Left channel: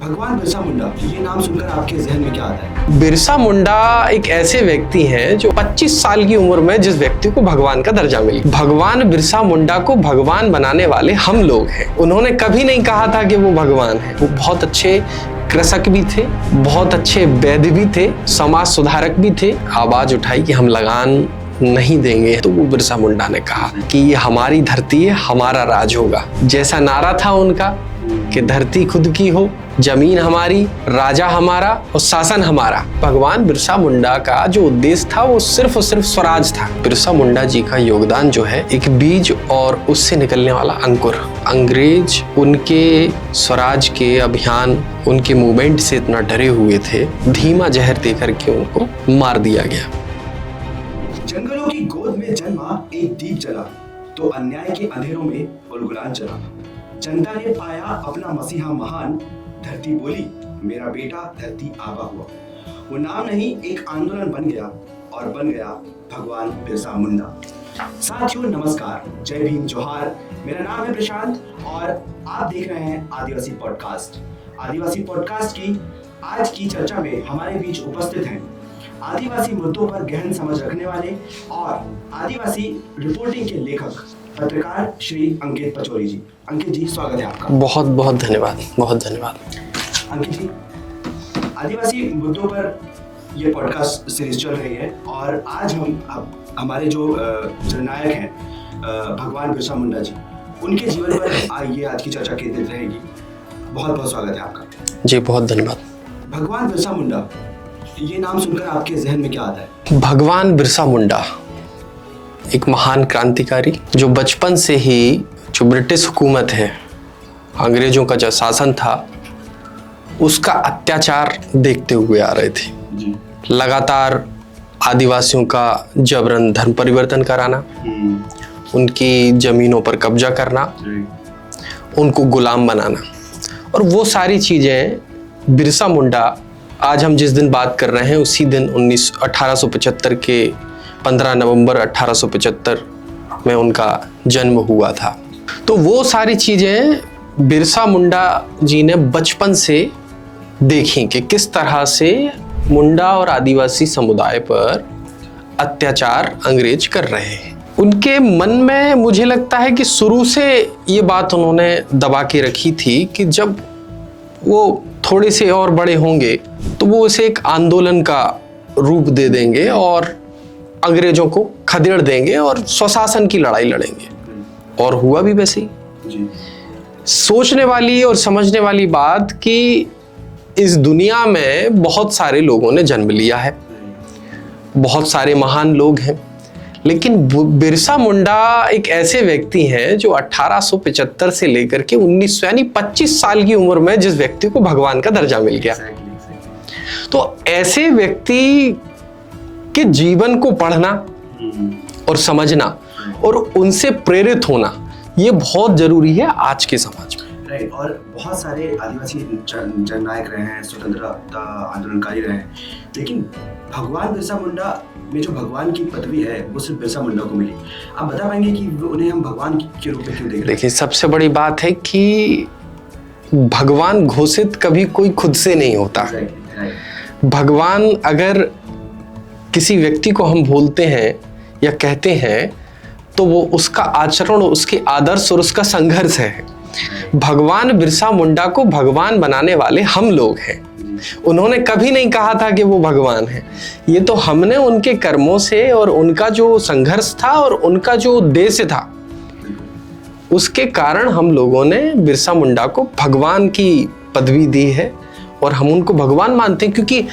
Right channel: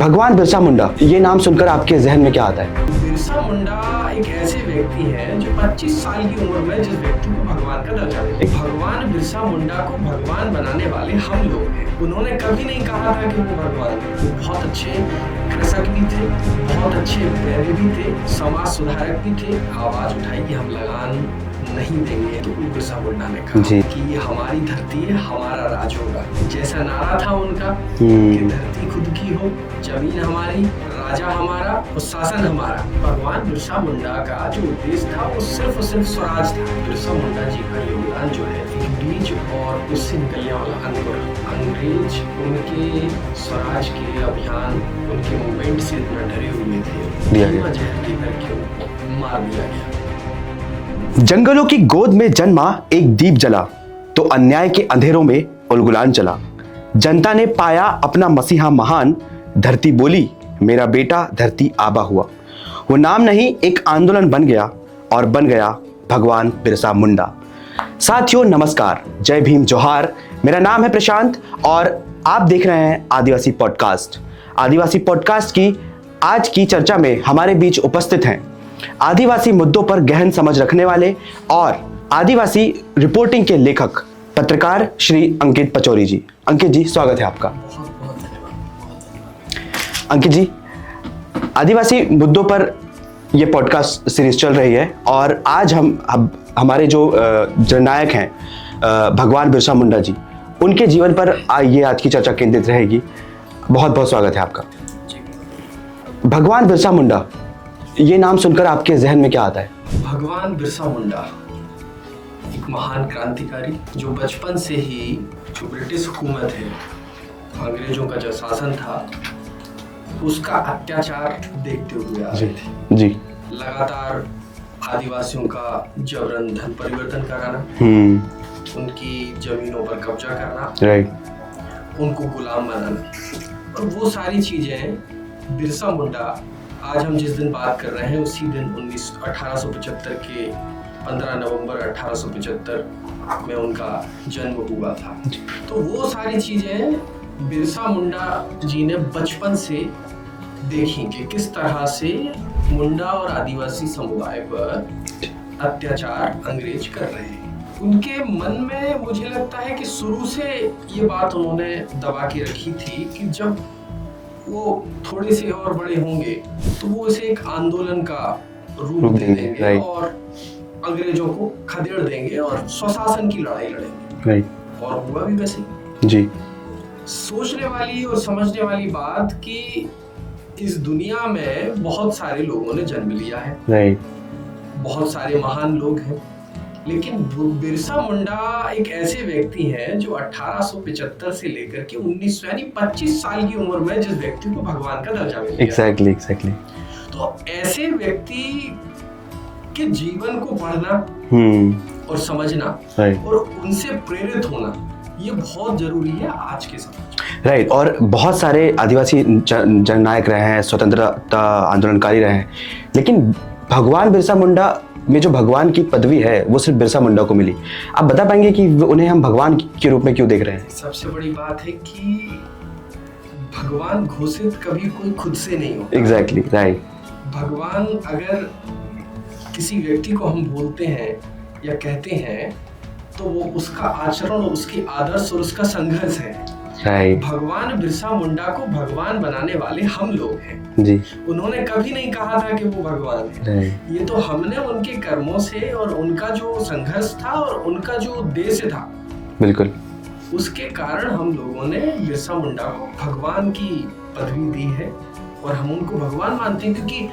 भगवान बिरसा मुंडा, ये नाम सुनकर आपके जहन में क्या आता है? बिरसा मुंडा एक ऐसे व्यक्ति हैं जो 25 साल की उम्र में जिस व्यक्ति को भगवान का दर्जा मिले। भगवान बिरसा मुंडा को भगवान बनाने वाले हम लोग हैं। उन्होंने कभी नहीं कहा था कि वो भगवान है। वो बहुत अच्छे कृषक भी थे, बहुत अच्छे वैद्य भी थे, समाज सुधारक भी थे। आवाज उठाई कि हम लगान नहीं देंगे, तो वो बिरसा मुंडा ने कहा कि ये हमारी धरती है, हमारा राज होगा। जैसा नारा था उनका कि धरती खुद की हो, जमीन हमारी, राजा हमारा और शासन हमारा। भगवान बिरसा मुंडा का जो उद्देश्य था वो सिर्फ और सिर्फ स्वराज था। बिरसा मुंडा जी का योगदान जो है एक बीज और उससे निकलने वाला अंकुर। अंग्रेज उनके स्वराज के अभियान, उनके मूवमेंट से इतना डरे हुए थे, धीमा जहर देकर के उनको मार दिया गया। जंगलों की गोद में जन्मा एक दीप जला, तो अन्याय के अंधेरों में उलगुलान चला। जनता ने पाया अपना मसीहा महान, धरती बोली मेरा बेटा धरती आबा हुआ। वो नाम नहीं एक आंदोलन बन गया और बन गया भगवान बिरसा मुंडा। साथियों नमस्कार, जय भीम, जोहार। मेरा नाम है प्रशांत और आप देख रहे हैं आदिवासी पॉडकास्ट। आदिवासी पॉडकास्ट की आज की चर्चा में हमारे बीच उपस्थित हैं आदिवासी मुद्दों पर गहन समझ रखने वाले और आदिवासी रिपोर्टिंग के लेखक पत्रकार श्री अंकित पचौरी जी। अंकित जी, स्वागत है आपका। बहुत बहुत धन्यवाद, बहुत धन्यवाद। अंकित जी, आदिवासी मुद्दों पर यह पॉडकास्ट सीरीज चल रही है और आज हम हमारे जो जननायक हैं भगवान बिरसा मुंडा जी, उनके जीवन पर ये आज की चर्चा केंद्रित रहेगी। बहुत बहुत स्वागत है आपका। जी बहुत धन्यवाद। भगवान बिरसा मुंडा, ये नाम सुनकर आपके जहन में क्या आता है? भगवान बिरसा मुंडा एक महान क्रांतिकारी जो बचपन से ही जो ब्रिटिश हुकूमत है, अंग्रेजों का जो शासन था, उसका अत्याचार देखते हुए आ रहे थे जी। लगातार आदिवासियों का जबरन धर्म परिवर्तन कराना, उनकी जमीनों पर कब्जा करना, उनको गुलाम बनाना, और वो सारी चीजें बिरसा मुंडा, आज हम जिस दिन बात कर रहे हैं उसी दिन 1875 के 15 नवंबर 1875 में उनका जन्म हुआ था। तो वो सारी चीजें बिरसा मुंडा जी ने बचपन से देखी कि किस तरह से मुंडा और आदिवासी समुदाय पर अत्याचार अंग्रेज कर रहे हैं। उनके मन में मुझे लगता है कि शुरू से ये बात उन्होंने दबा के रखी थी कि जब वो थोड़े से और बड़े होंगे तो वो इसे एक आंदोलन का रूप दे देंगे और अंग्रेजों को खदेड़ देंगे और स्वशासन की लड़ाई लड़ेंगे। और हुआ भी वैसे ही जी। सोचने वाली और समझने वाली बात कि इस दुनिया में बहुत सारे लोगों ने जन्म लिया है, बहुत सारे महान लोग हैं, लेकिन बिरसा मुंडा एक ऐसे व्यक्ति हैं जो 1875 से लेकर के 1900 यानी 25 साल की उम्र में जिस व्यक्ति को भगवान का दर्जा मिल गया। Exactly. तो ऐसे व्यक्ति के जीवन को पढ़ना और समझना और उनसे प्रेरित होना, ये बहुत जरूरी है आज के समाज में। राइट। और बहुत सारे आदिवासी जननायक रहे हैं, स्वतंत्रता आंदोलनकारी रहे हैं, लेकिन भगवान बिरसा मुंडा में जो भगवान की पदवी है वो सिर्फ बिरसा मुंडा को मिली। आप बता पाएंगे कि उन्हें हम भगवान के रूप में क्यों देख रहे हैं? सबसे बड़ी बात है कि भगवान घोषित कभी कोई खुद से नहीं होता। Exactly, right. भगवान अगर किसी व्यक्ति को हम बोलते हैं या कहते हैं तो वो उसका आचरण, उसके आदर्श और उसका संघर्ष है। भगवान बिरसा मुंडा को भगवान बनाने वाले हम लोग हैं जी। उन्होंने कभी नहीं कहा था कि वो भगवान है। ये तो हमने उनके कर्मों से और उनका जो संघर्ष था और उनका जो उद्देश्य था, बिल्कुल, उसके कारण हम लोगों ने बिरसा मुंडा को भगवान की पदवी दी है और हम उनको भगवान मानते हैं। क्योंकि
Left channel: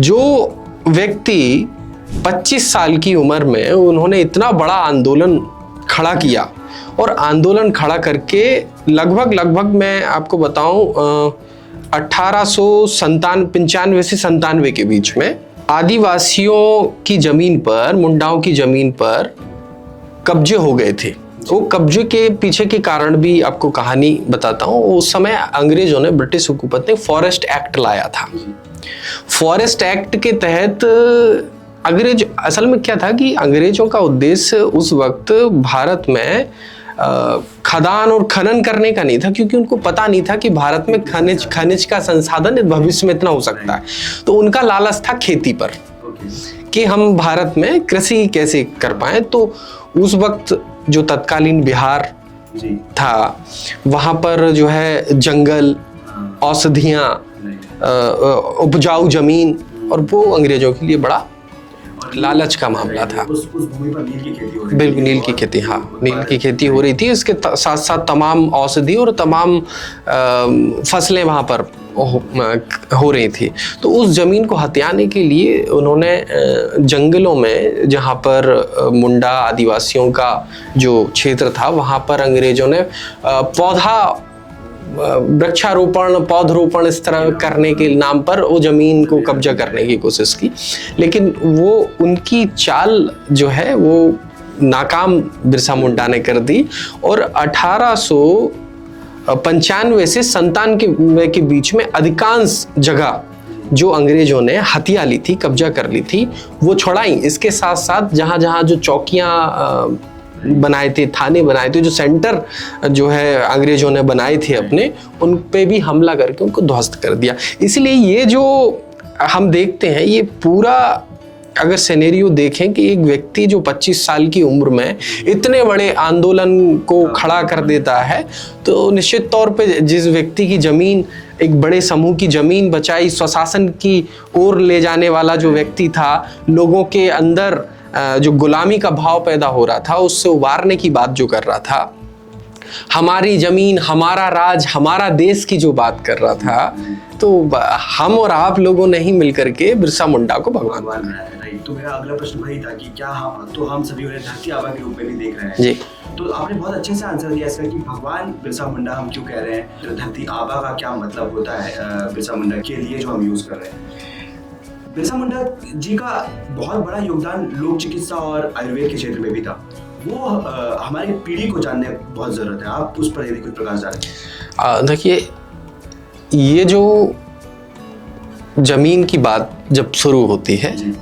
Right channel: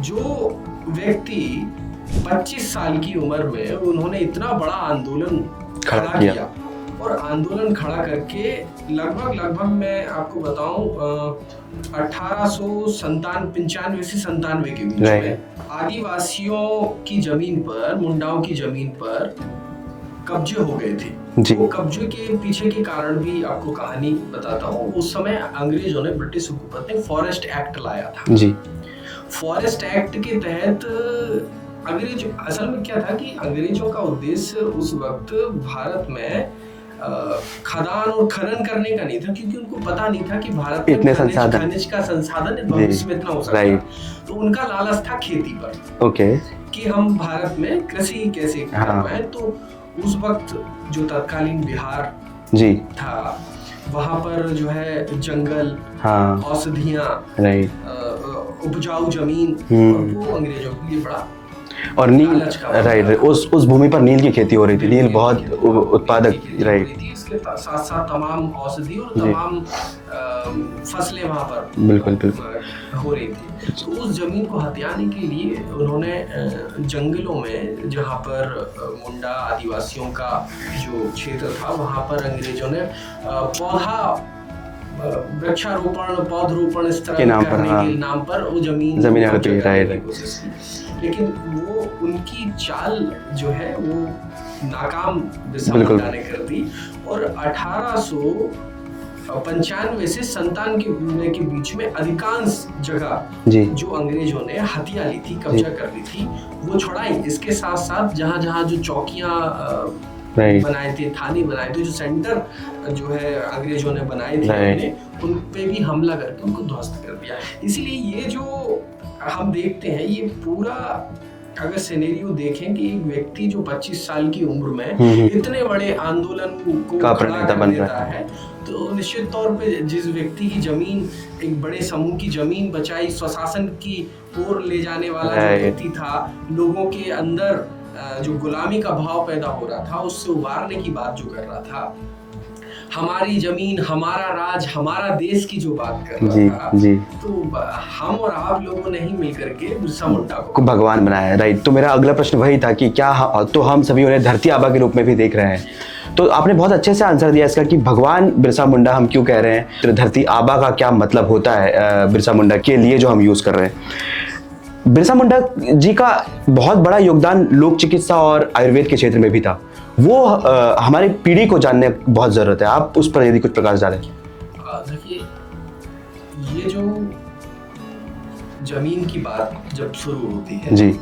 जो व्यक्ति 25 साल की उम्र में उन्होंने इतना बड़ा आंदोलन खड़ा किया और आंदोलन खड़ा करके लगभग मैं आपको बताऊं 1895 से 97 के बीच में आदिवासियों की जमीन पर, मुंडाओं की जमीन पर कब्जे हो गए थे। वो कब्जे के पीछे के कारण भी आपको कहानी बताता हूँ। उस समय अंग्रेजों ने, ब्रिटिश हुकूमत ने फॉरेस्ट एक्ट लाया था जी। फॉरेस्ट एक्ट के तहत अंग्रेज, असल में क्या था कि अंग्रेजों का उद्देश्य उस वक्त भारत में खदान और खनन करने का नहीं था, क्योंकि उनको पता नहीं था कि भारत में खनिज का संसाधन भविष्य में इतना हो सकता है। तो उनका लालच था खेती पर, कि हम भारत में कृषि कैसे कर पाए। तो उस वक्त जो तत्कालीन बिहार था, वहां पर जो है जंगल, औषधियां, उपजाऊ जमीन, और वो अंग्रेजों के लिए बड़ा और लालच का मामला था। उस भूमि पर नील की खेती हो रही थी। नील की खेती हो रही थी। इसके साथ साथ तमाम औषधि और तमाम फसलें वहां पर हो रही थी। तो उस जमीन को हथियाने के लिए उन्होंने जंगलों में, जहां पर मुंडा आदिवासियों का जो क्षेत्र था, वहां पर अंग्रेजों ने वृक्षारोपण, पौधरोपण इस तरह करने के नाम पर वो जमीन को कब्जा करने की कोशिश की। लेकिन वो उनकी चाल जो है वो नाकाम बिरसा मुंडा ने कर दी, और 1895 से 97 के बीच में अधिकांश जगह जो अंग्रेजों ने हथिया ली थी, कब्जा कर ली थी, वो छुड़ाई। इसके साथ साथ जहां जहां जो चौकियां बनाए थे, थाने बनाए थे, जो सेंटर जो है अंग्रेजों ने बनाए थे अपने, उन पे भी हमला करके उनको ध्वस्त कर दिया। इसलिए ये जो हम देखते हैं, ये पूरा अगर सिनेरियो देखें कि एक व्यक्ति जो 25 साल की उम्र में इतने बड़े आंदोलन को खड़ा कर देता है, तो निश्चित तौर पे जिस व्यक्ति की जमीन, एक बड़े समूह की जमीन बचाई, स्वशासन की ओर ले जाने वाला जो व्यक्ति था, लोगों के अंदर जो गुलामी का भाव पैदा हो रहा था, उससे उबारने की बात जो कर रहा था, हमारी जमीन, हमारा राज, हमारा देश की जो बात कर रहा था, तो हम और आप लोगों ने ही मिलकर के बिरसा मुंडा को भगवान बनाया है। राइट। तो मेरा अगला प्रश्न वही था कि क्या तो हम सभी उन्हें धरती आबा के रूप में भी देख रहे हैं। तो आपने बहुत अच्छे से आंसर दिया इसका कि भगवान बिरसा मुंडा हम क्यों कह रहे हैं, तो धरती आबा का क्या मतलब होता है बिरसा मुंडा के लिए जो हम यूज कर रहे हैं। बिरसा मुंडा जी का बहुत बड़ा योगदान लोक चिकित्सा और आयुर्वेद के क्षेत्र में भी था। वो हमारी पीढ़ी को जानने बहुत जरूरत है। आप उस पर यदि कुछ प्रकाश डालें। देखिए, ये जो जमीन की बात जब शुरू होती है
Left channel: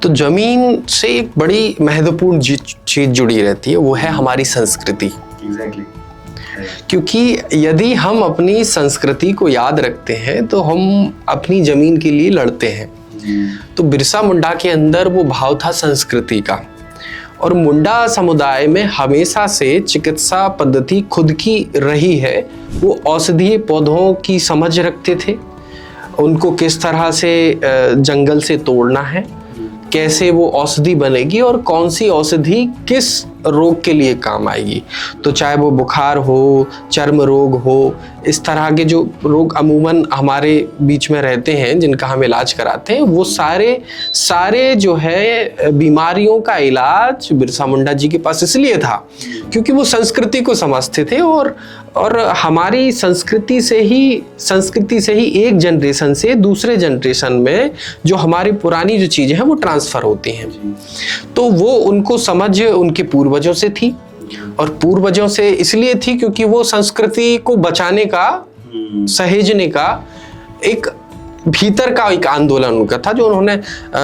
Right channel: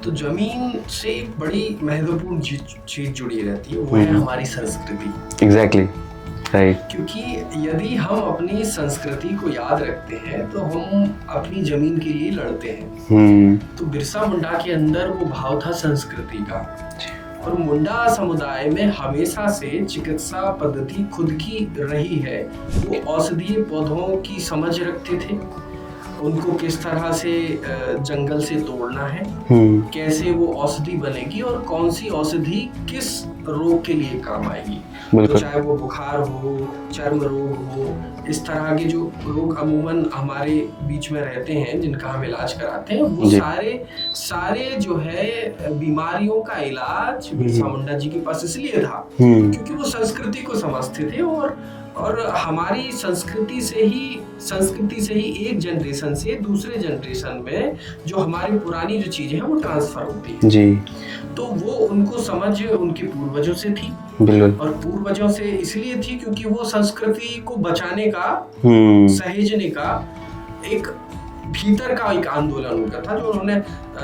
तो जमीन से एक बड़ी महत्वपूर्ण चीज जुड़ी रहती है, वो है हमारी संस्कृति। एग्जैक्टली। क्योंकि यदि हम अपनी संस्कृति को याद रखते हैं तो हम अपनी जमीन के लिए लड़ते हैं। तो बिरसा मुंडा के अंदर वो भाव था संस्कृति का, और मुंडा समुदाय में हमेशा से चिकित्सा पद्धति खुद की रही है। वो औषधीय पौधों की समझ रखते थे, उनको किस तरह से जंगल से तोड़ना है, कैसे वो औषधि बनेगी और कौन सी औषधि किस रोग के लिए काम आएगी। तो चाहे वो बुखार हो, चर्म रोग हो, इस तरह के जो रोग अमूमन हमारे बीच में रहते हैं, जिनका हम इलाज कराते हैं, वो सारे जो है बीमारियों का इलाज बिरसा मुंडा जी के पास इसलिए था क्योंकि वो संस्कृति को समझते थे, और हमारी संस्कृति से ही एक जनरेशन से दूसरे जनरेशन में जो हमारी पुरानी जो चीजें हैं वो ट्रांसफर होती हैं। तो वो उनको समझ उनके पूर्वजों से थी, और पूर्वजों से इसलिए थी क्योंकि वो संस्कृति को बचाने का, सहेजने का एक भीतर का एक आंदोलन उनका था, जो उन्होंने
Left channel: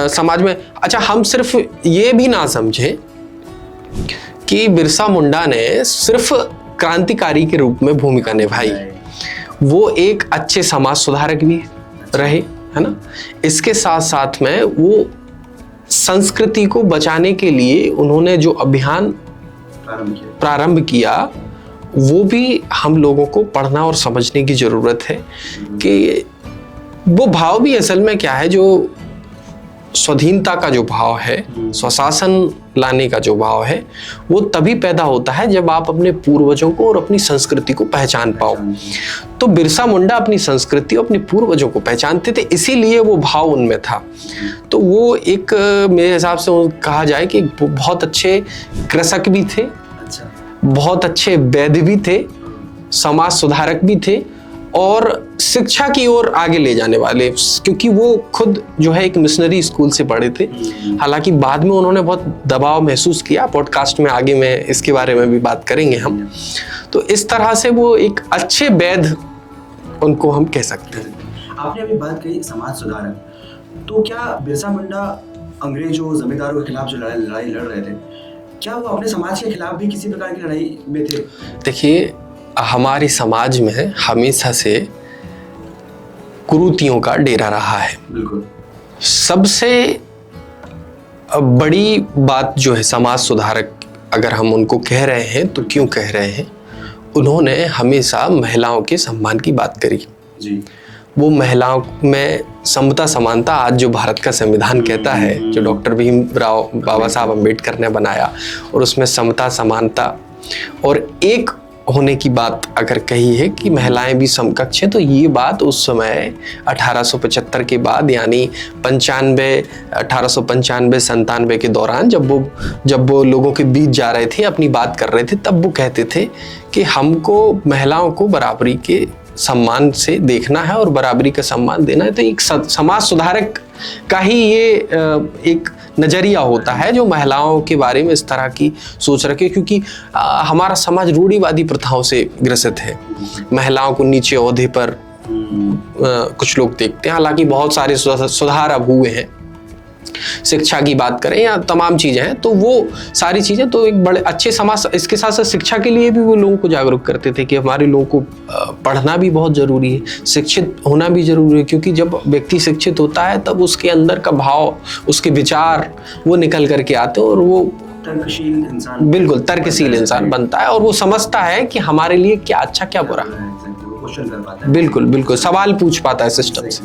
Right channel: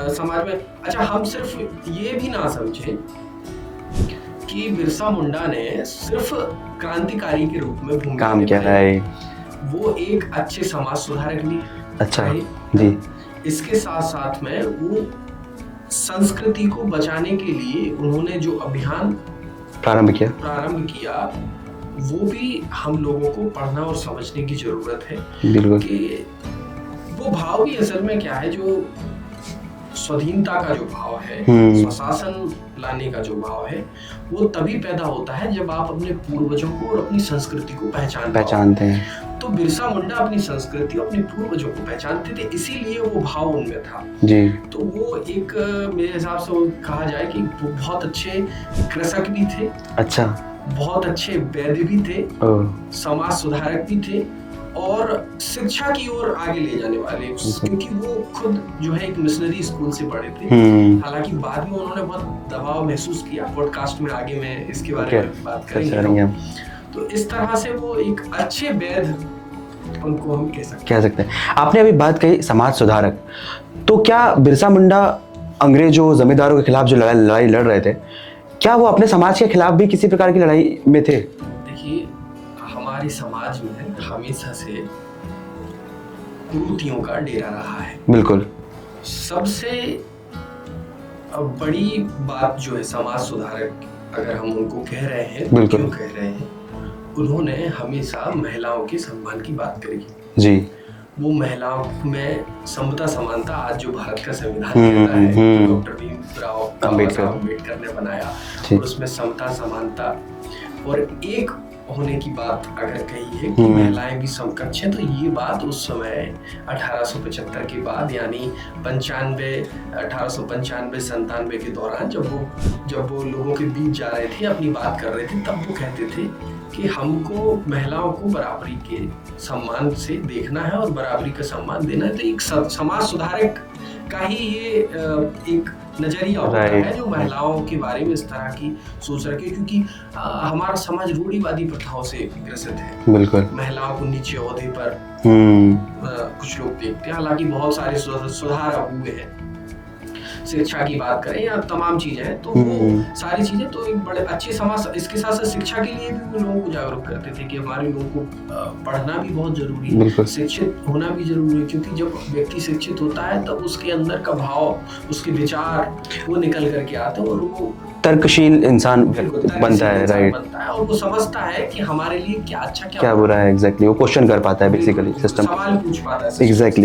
समाज में। अच्छा, हम सिर्फ ये भी ना समझे कि बिरसा मुंडा ने सिर्फ क्रांतिकारी के रूप में भूमिका निभाई, वो एक अच्छे समाज सुधारक भी रहे, है ना। इसके साथ साथ में वो संस्कृति को बचाने के लिए उन्होंने जो अभियान प्रारंभ किया वो भी हम लोगों को पढ़ना और समझने की जरूरत है कि वो भाव भी असल में क्या है, जो स्वाधीनता का जो भाव है, स्वशासन लाने का जो भाव है, वो तभी पैदा होता है जब आप अपने पूर्वजों को और अपनी संस्कृति को पहचानते हैं। तो बिरसा मुंडा अपनी संस्कृति और अपने पूर्वजों को पहचानते थे, इसीलिए वो भाव उनमें था। तो वो एक, मेरे हिसाब से कहा जाए कि बहुत अच्छे कृषक भी थे, अच्छा, बहुत अच्छे वैद्य भी थे, समाज सुधारक भी थे, और शिक्षा की ओर आगे ले जाने वाले, क्योंकि वो खुद जो है एक मिशनरी स्कूल से पढ़े थे। हालांकि बाद में उन्होंने बहुत दबाव महसूस किया, पॉडकास्ट में आगे में इसके बारे में भी बात करेंगे हम। तो इस तरह से वो एक अच्छे वैद्य उनको हम कह सकते हैं। आपने अभी बात कही समाज सुधारक, तो क्या बिरसा मुंडा अंग्रेजों जमींदारों के खिलाफ जो लड़ाई लड़ रहे थे, क्या वो अपने समाज के खिलाफ भी किसी प्रकार की लड़ाई में थे? देखिए, हमारे समाज में हमेशा से कुरीतियों का डेरा रहा है। बिल्कुल। सबसे बड़ी बात जो है, समाज सुधारक अगर हम उनको कह रहे हैं तो क्यों कह रहे हैं, उन्होंने हमेशा महिलाओं के सम्मान की बात करी जी। वो महिलाओं में समता समानता, आज जो भारत का संविधान कहता है, जो डॉक्टर भीमराव बाबा साहब अम्बेडकर ने बनाया, और उसमें समता समानता और एक होने की बात अगर कही है कि महिलाएं भी समकक्ष है, तो ये बात उस समय 1875 के बाद, यानी 1895 के दौरान जब वो लोगों के बीच जा रहे थे, अपनी बात कर रहे थे, तब वो कहते थे कि हमको महिलाओं को बराबरी के सम्मान से देखना है और बराबरी का सम्मान देना है। तो एक समाज सुधारक का ही ये एक नजरिया होता है जो महिलाओं के बारे में इस तरह की सोच रखे, क्योंकि हमारा समाज रूढ़िवादी प्रथाओं से ग्रसित है। बिल्कुल। महिलाओं को नीचे ओहदे पर कुछ लोग देखते हैं, हालांकि बहुत सारे सुधार अब हुए हैं। शिक्षा की बात करें या तमाम चीजें हैं, तो वो सारी चीजें तो एक बड़े अच्छे समाज, इसके साथ साथ शिक्षा के लिए भी वो लोगों को जागरूक करते थे कि हमारे लोगों को पढ़ना भी बहुत जरूरी है, शिक्षित होना भी जरूरी है, क्योंकि जब व्यक्ति शिक्षित होता है तब उसके अंदर का भाव, उसके विचार वो निकल करके आते हैं और वो तर्कशील इंसान, बिल्कुल तर्कशील इंसान बनता है और वो समझता है कि हमारे लिए क्या अच्छा क्या बुरा है। एग्जैक्टली, वो क्वेश्चन कर पाता है। बिल्कुल सवाल पूछ पाता है।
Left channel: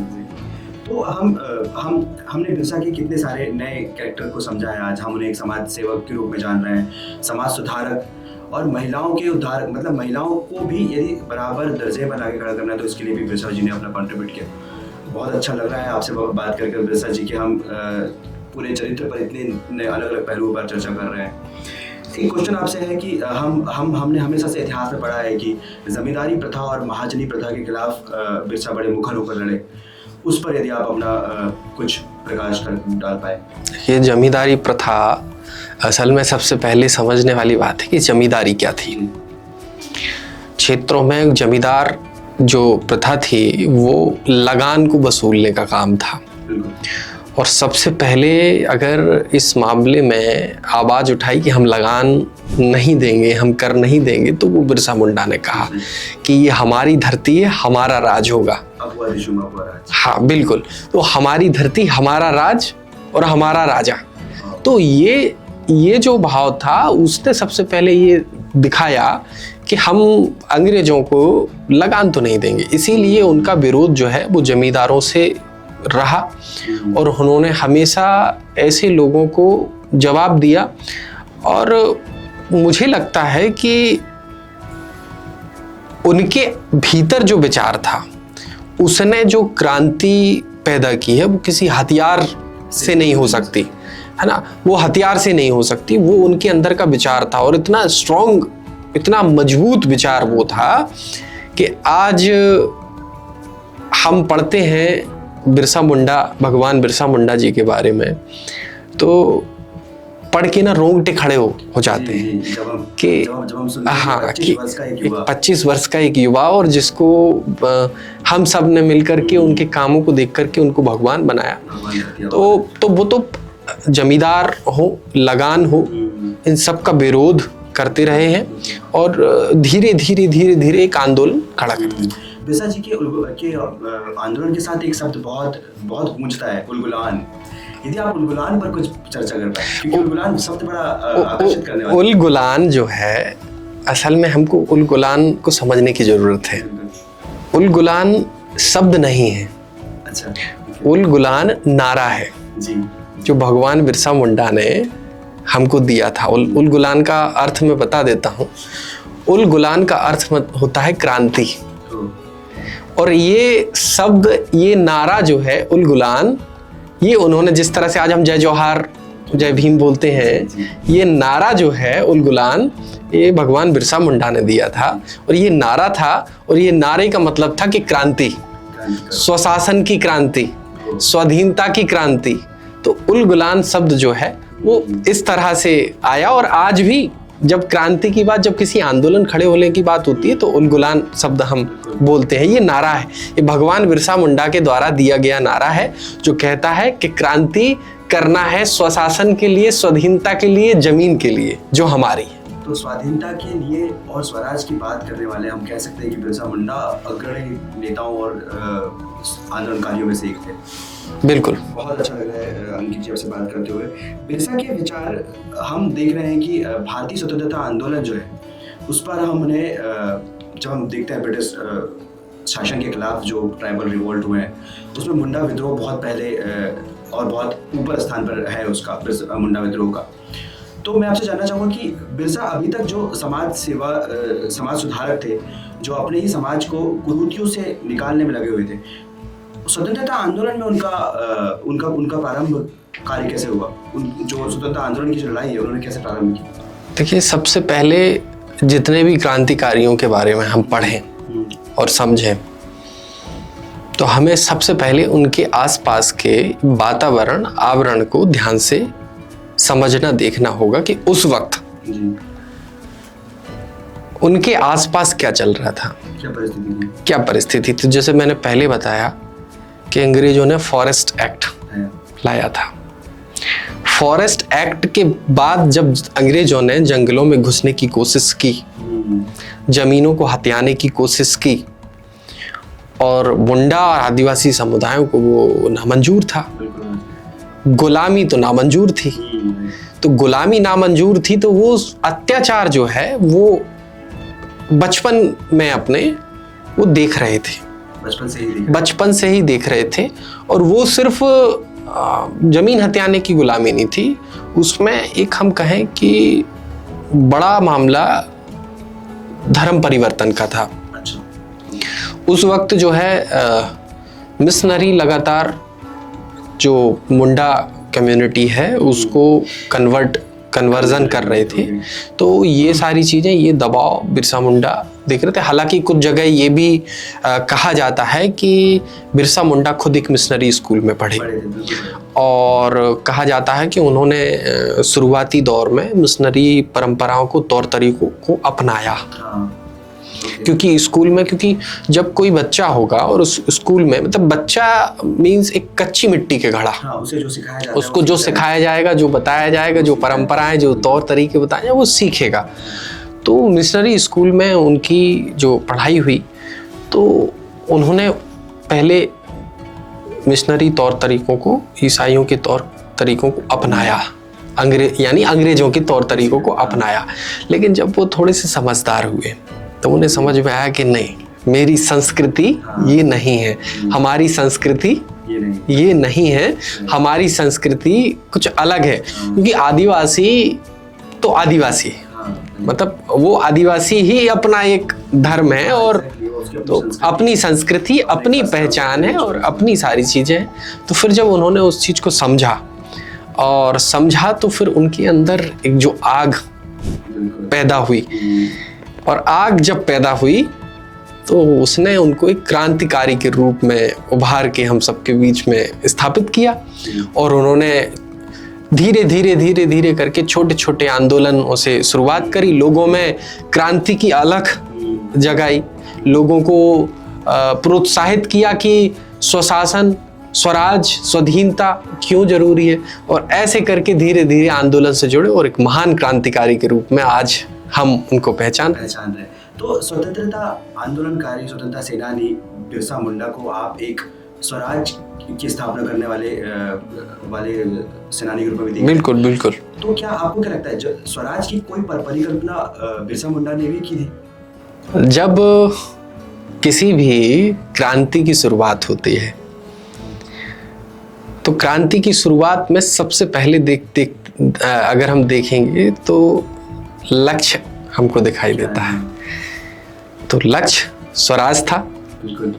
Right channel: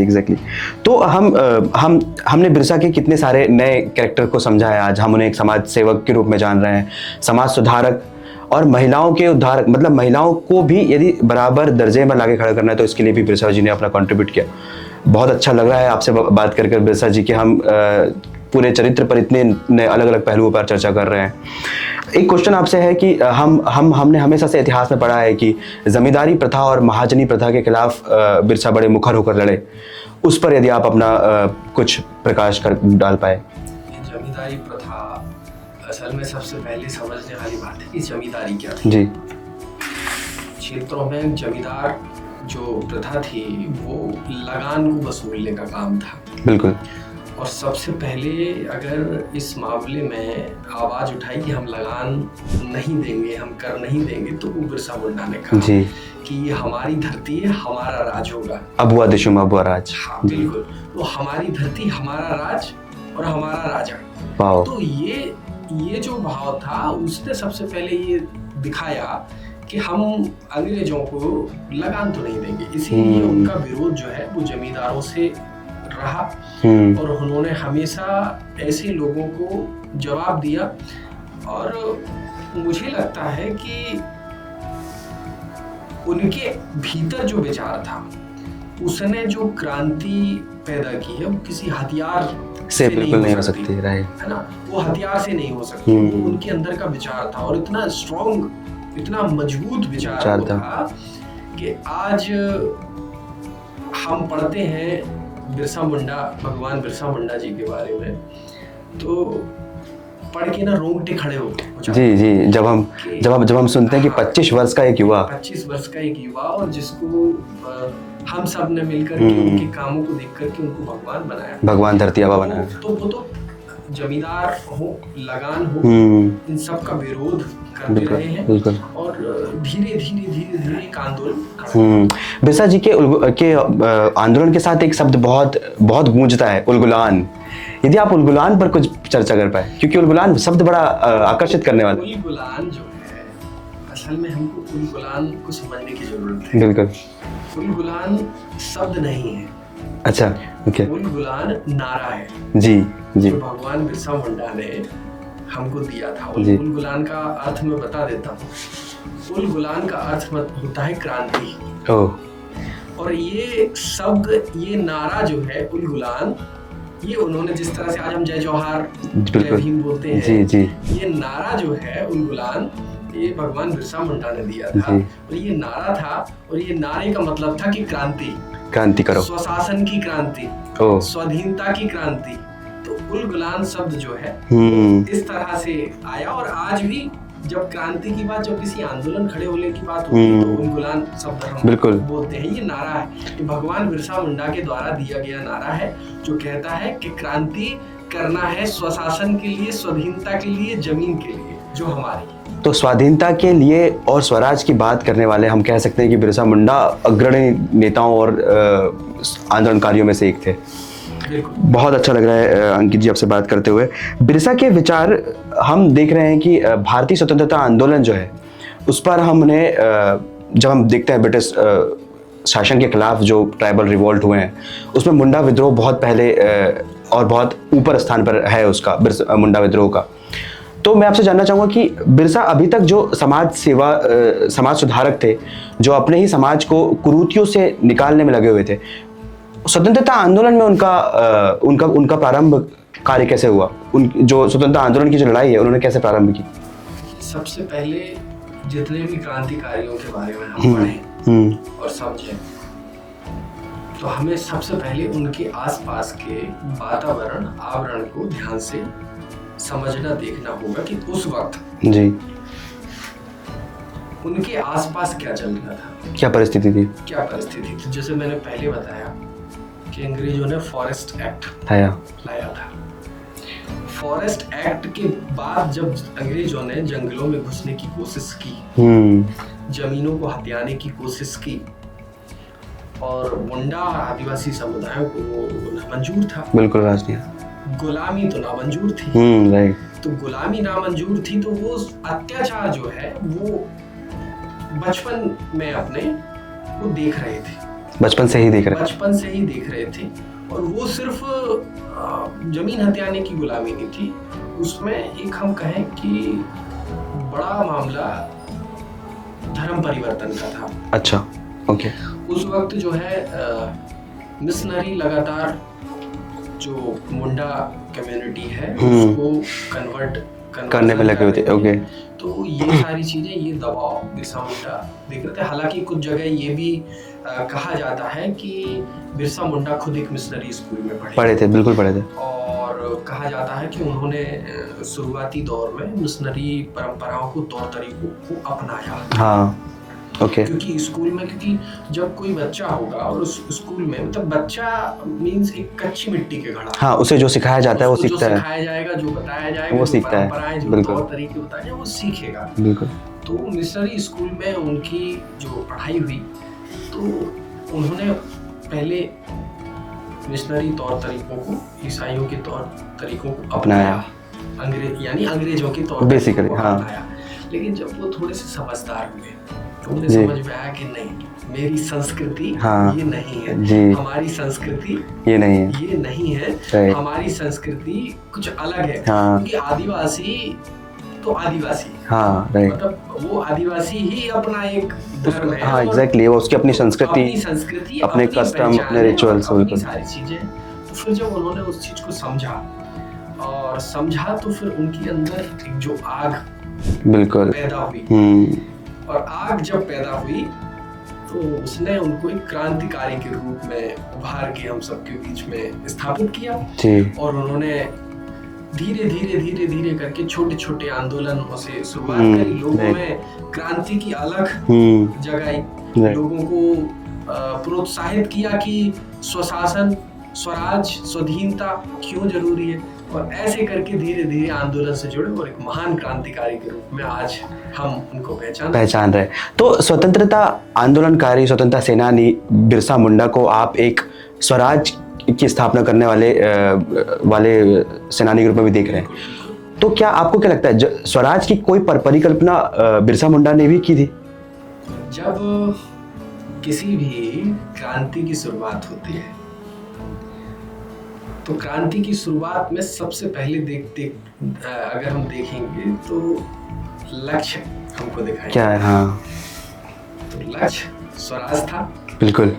एग्जैक्टली। तो हमने बिरसा के कितने सारे नए कैरेक्टर को समझा है। आज हम उन्हें एक समाज सेवक के रूप में जान रहे हैं, समाज सुधारक और महिलाओं के उद्धारक। मतलब महिलाओं को भी यदि बराबर दर्जे में लाके खड़ा करना है तो इसके लिए भी बिरसा जी ने अपना कंट्रीब्यूट किया। बहुत अच्छा लग रहा है आपसे बात कर बिरसा जी के। हम पूरे चरित्र पर इतने नए अलग अलग पहलुओं पर चर्चा कर रहे हैं। एक क्वेश्चन आपसे है कि हमने हमेशा से इतिहास में पढ़ा है कि जमींदारी प्रथा और महाजनी प्रथा के खिलाफ बिरसा बड़े मुखर होकर लड़े। उस पर यदि आप अपना कुछ प्रकाश कर डाल पाए। ये जमींदारी प्रथा असल में सबसे पहले समझने वाली बात है कि जमींदारी क्या थी। जी। क्षेत्रों में जमींदार जो प्रथा थी वो लगान को वसूलने का काम था। बिल्कुल। और सबसे पहले अगर इस मामले में आवाज उठाई कि हम लगान नहीं देंगे, हम कर नहीं देंगे, तो वो बिरसा मुंडा ने कहा कि ये हमारी धरती है, हमारा राज होगा। अबुआ दिशुम अबुआ राज। हाँ बिल्कुल। तो हमारी धरती, हमारा राज और हमारा राजा। तो ये जो भाव था उसने सबसे पहले ये दिखाया कि हम अंग्रेजों को लगान तो नहीं देंगे। इसीलिए उनका विरोध जो है वो जमींदारों से रहा और उन्होंने हमेशा ऐसे लोगों को जवाब दिया। और मुझे लगता है कि उनके भीतर जो विचार था, उसने जो क्रांति पैदा की है वो किसी हथियार से नहीं हो सकती, है ना। वो हथियार से नहीं हो सकती, वो उनके अंदर का विचार था। और इतना स्ट्रॉन्ग, इतना मजबूत विचार वो था कि आज हम पढ़ते हैं बिरसा मुंडा, भगवान बिरसा मुंडा जी के बारे में, तो पढ़ के ना रोंगटे खड़े हो जाते हैं। जी, जब हम सुनते हैं कि 25 वर्ष का एक युवा, 25 वर्ष का एक युवा, और जिसको हम सब ने मिलकर के उनके कामों को देख करके उनको भगवान बनाया, भगवान धरती आबा बनाया। तो वो तो जमींदार हो, लगान हो, इन सब का विरोध करते रहे हैं और धीरे धीरे एक आंदोलन खड़ा किया। बिरसा जी के आंदोलन के साथ एक शब्द बहुत गूंजता है, उलगुलान। यदि आप उलगुलान पर कुछ चर्चा कर पाए, क्योंकि उलगुलान शब्द बड़ा आकर्षित करने वाला। उलगुलान जो है, असल में हमको उलगुलान को समझने की जरूरत है। बिल्कुल। उलगुलान शब्द नहीं है। अच्छा, उलगुलान नारा है। जी। जो भगवान बिरसा मुंडा ने हमको दिया था। उलगुलान का अर्थ मैं बता देता हूँ। उलगुलान का अर्थ होता है क्रांति। और ये शब्द, ये नारा जो है उलगुलान, ये उन्होंने जिस तरह से आज हम जय जोहार, जय भीम बोलते हैं, ये नारा जो है उलगुलान, ये भगवान बिरसा मुंडा ने दिया था। और ये नारा था, और ये नारे का मतलब था कि क्रांति करो, स्वशासन की क्रांति, स्वाधीनता की क्रांति। तो उलगुलान शब्द जो है वो इस तरह से आया। और आज भी जब क्रांति की बात, जब किसी आंदोलन खड़े होने की बात होती है तो उलगुलान शब्द हम बोलते हैं। ये नारा है, ये भगवान बिरसा मुंडा के द्वारा दिया गया नारा है, जो कहता है कि क्रांति करना है स्वशासन के लिए, स्वाधीनता के लिए, जमीन के लिए जो हमारी है। तो स्वाधीनता के लिए और स्वराज की बात करने वाले हम कह सकते हैं कि बिरसा मुंडा अग्रणी नेताओं और आंदोलनकारियों में से एक थे। बिल्कुल, बहुत अच्छा लग रहा है अंकित जी आपसे बात करते हुए। बिरसा के विचार हम देख रहे हैं कि भारतीय स्वतंत्रता आंदोलन जो है उस पर हमने जब हम देखते हैं ब्रिटिश शासन के खिलाफ जो ट्राइबल रिवोल्ट हुए हैं उसमें मुंडा विद्रोह बहुत पहले और बहुत ऊपर स्थान पर है उसका, बिरसा मुंडा विद्रोह का। तो मैं आपसे जानना चाहूँगा कि बिरसा अभी तक जो समाज सेवा समाज सुधारक थे, जो अपने ही समाज को कुरीतियों से निकालने में लगे हुए थे, स्वतंत्रता आंदोलन में उनका प्रारंभ कार्य कैसे हुआ? जो स्वतंत्रता आंदोलन की जो लड़ाई है उन्होंने कैसे प्रारंभ की? देखिए, सबसे पहले जितने भी क्रांतिकारियों के बारे में हम पढ़ें और समझें तो हमें सबसे पहले उनके आसपास के वातावरण आवरण को ध्यान से समझना देखना होगा कि उस वक्त जी उनके आसपास क्या चल रहा था, क्या परिस्थिति थी। तो जैसे मैंने पहले बताया कि अंग्रेजों ने फॉरेस्ट एक्ट लाया था। फॉरेस्ट एक्ट के बाद जब अंग्रेजों ने जंगलों में घुसने की कोशिश की, जमीनों को हथियाने की कोशिश की और मुंडा और आदिवासी समुदायों को वो नामंजूर था। बिल्कुल राजनीति, गुलामी तो नामंजूर थी। तो गुलामी नामंजूर थी तो वो अत्याचार जो है वो बचपन में अपने वो देख रहे थे, बचपन से ही देख रहे थे। और वो सिर्फ जमीन हथियाने की गुलामी नहीं थी, उसमें एक हम कहें कि बड़ा मामला धर्म परिवर्तन का था। अच्छा, ओके। उस वक्त जो है मिशनरी लगातार जो मुंडा कम्युनिटी है उसको कन्वर्जन कर रहे थे। तो ये सारी चीजें, ये दबाव बिरसा मुंडा देख रहे थे। हालांकि कुछ जगह ये भी कहा जाता है कि बिरसा मुंडा खुद एक मिशनरी स्कूल में पढ़े थे। बिल्कुल पढ़े थे। और कहा जाता है कि उन्होंने शुरुआती दौर में मिशनरी परंपराओं को, तौर तरीकों को अपनाया। हाँ, Okay. क्योंकि स्कूल में, क्योंकि जब कोई बच्चा होगा और उस स्कूल में, मतलब बच्चा मींस एक कच्ची मिट्टी के घड़ा, हाँ, उसे जो सिखाया जाता है, उसको जो सिखाया जाएगा, जो बताया जाएगा, जो परंपराएं, जो तौर तरीके बताए जाए, वो सीखेगा। तो मिशनरी स्कूल में उनकी जो पढ़ाई हुई तो उन्होंने पहले मिशनरी तौर तरीकों को, ईसाइयों के तौर तरीकों को अपनाया, यानी अंग्रेजों के तौर तरीकों को अपनाया। लेकिन जब वो थोड़े से समझदार हुए तो उन्हें समझ में आया कि नहीं, मेरी संस्कृति ये नहीं है, हमारी संस्कृति ये नहीं है, हमारी संस्कृति कुछ अलग है। क्योंकि आदिवासी तो आदिवासी, मतलब वो आदिवासी ही अपना एक धर्म है और उसकी अपनी संस्कृति, अपनी पहचान है और अपनी सारी चीजें। तो फिर जब उन्होंने उस चीज को समझा तो फिर उनके अंदर एक जो आग पैदा हुई, और आग जब पैदा हुई तो उसने उनको एक क्रांतिकारी के रूप में उभार के हम सबके बीच में स्थापित किया। और उन्होंने धीरे धीरे करके छोटे छोटे आंदोलनों से शुरुआत करी, लोगों में क्रांति की अलख जगाई, लोगों को प्रोत्साहित किया कि स्वशासन, स्वराज, स्वाधीनता क्यों जरूरी है। और ऐसे करके धीरे धीरे आंदोलन से जुड़े और एक महान क्रांतिकारी के रूप में आज हम उनको पहचान रहे। तो स्वतंत्रता आंदोलनकारी, स्वतंत्रता सेनानी बिरसा मुंडा को आप एक स्वराज की स्थापना करने वाले सेनानी के रूप में भी देख रहे हैं। बिल्कुल। तो क्या आपको क्या लगता है स्वराज की कोई परिकल्पना बिरसा मुंडा ने भी की थी? जब किसी भी क्रांति की शुरुआत होती है तो क्रांति की शुरुआत में सबसे पहले अगर हम देखेंगे तो लक्ष्य हमको दिखाई देता है। तो लक्ष्य स्वराज था। बिल्कुल।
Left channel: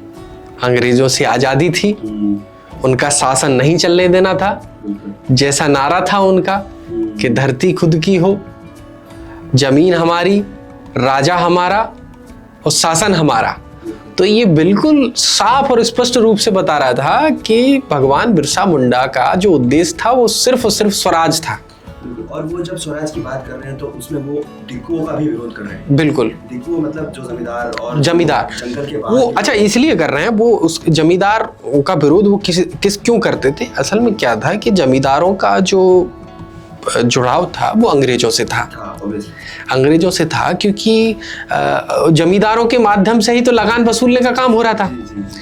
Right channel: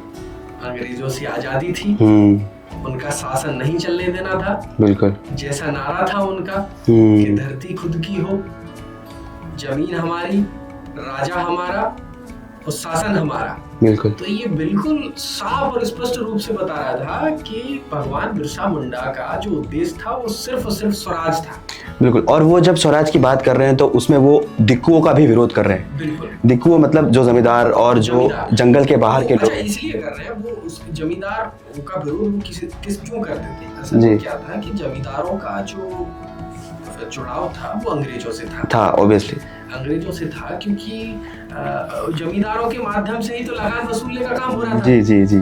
अंग्रेजों से आजादी थी, उनका शासन नहीं चलने देना था। बिल्कुल। जैसा नारा था उनका कि धरती खुद की हो, जमीन हमारी, राजा हमारा और शासन हमारा। बिल्कुल। तो ये बिल्कुल साफ और स्पष्ट रूप से बता रहा था कि भगवान बिरसा मुंडा का जो उद्देश्य था वो सिर्फ और सिर्फ स्वराज था। बिल्कुल। और वो जब स्वराज की बात कर रहे हैं तो उसमें वो दिक्कुओं का भी विरोध कर रहे हैं। बिल्कुल। दिक्कुओं मतलब जो जमींदार और जमींदार जंगल के बाहर के अच्छा इसलिए कर रहे हैं वो, उस जमींदार का विरोध वो किस क्यों करते थे? असल में क्या था कि जमींदारों का जो जुड़ाव था वो अंग्रेजों से था ऑब्वियसली अंग्रेजों से था, क्योंकि जमींदारों के माध्यम से ही तो लगान वसूलने का काम हो रहा था। जी जी जी।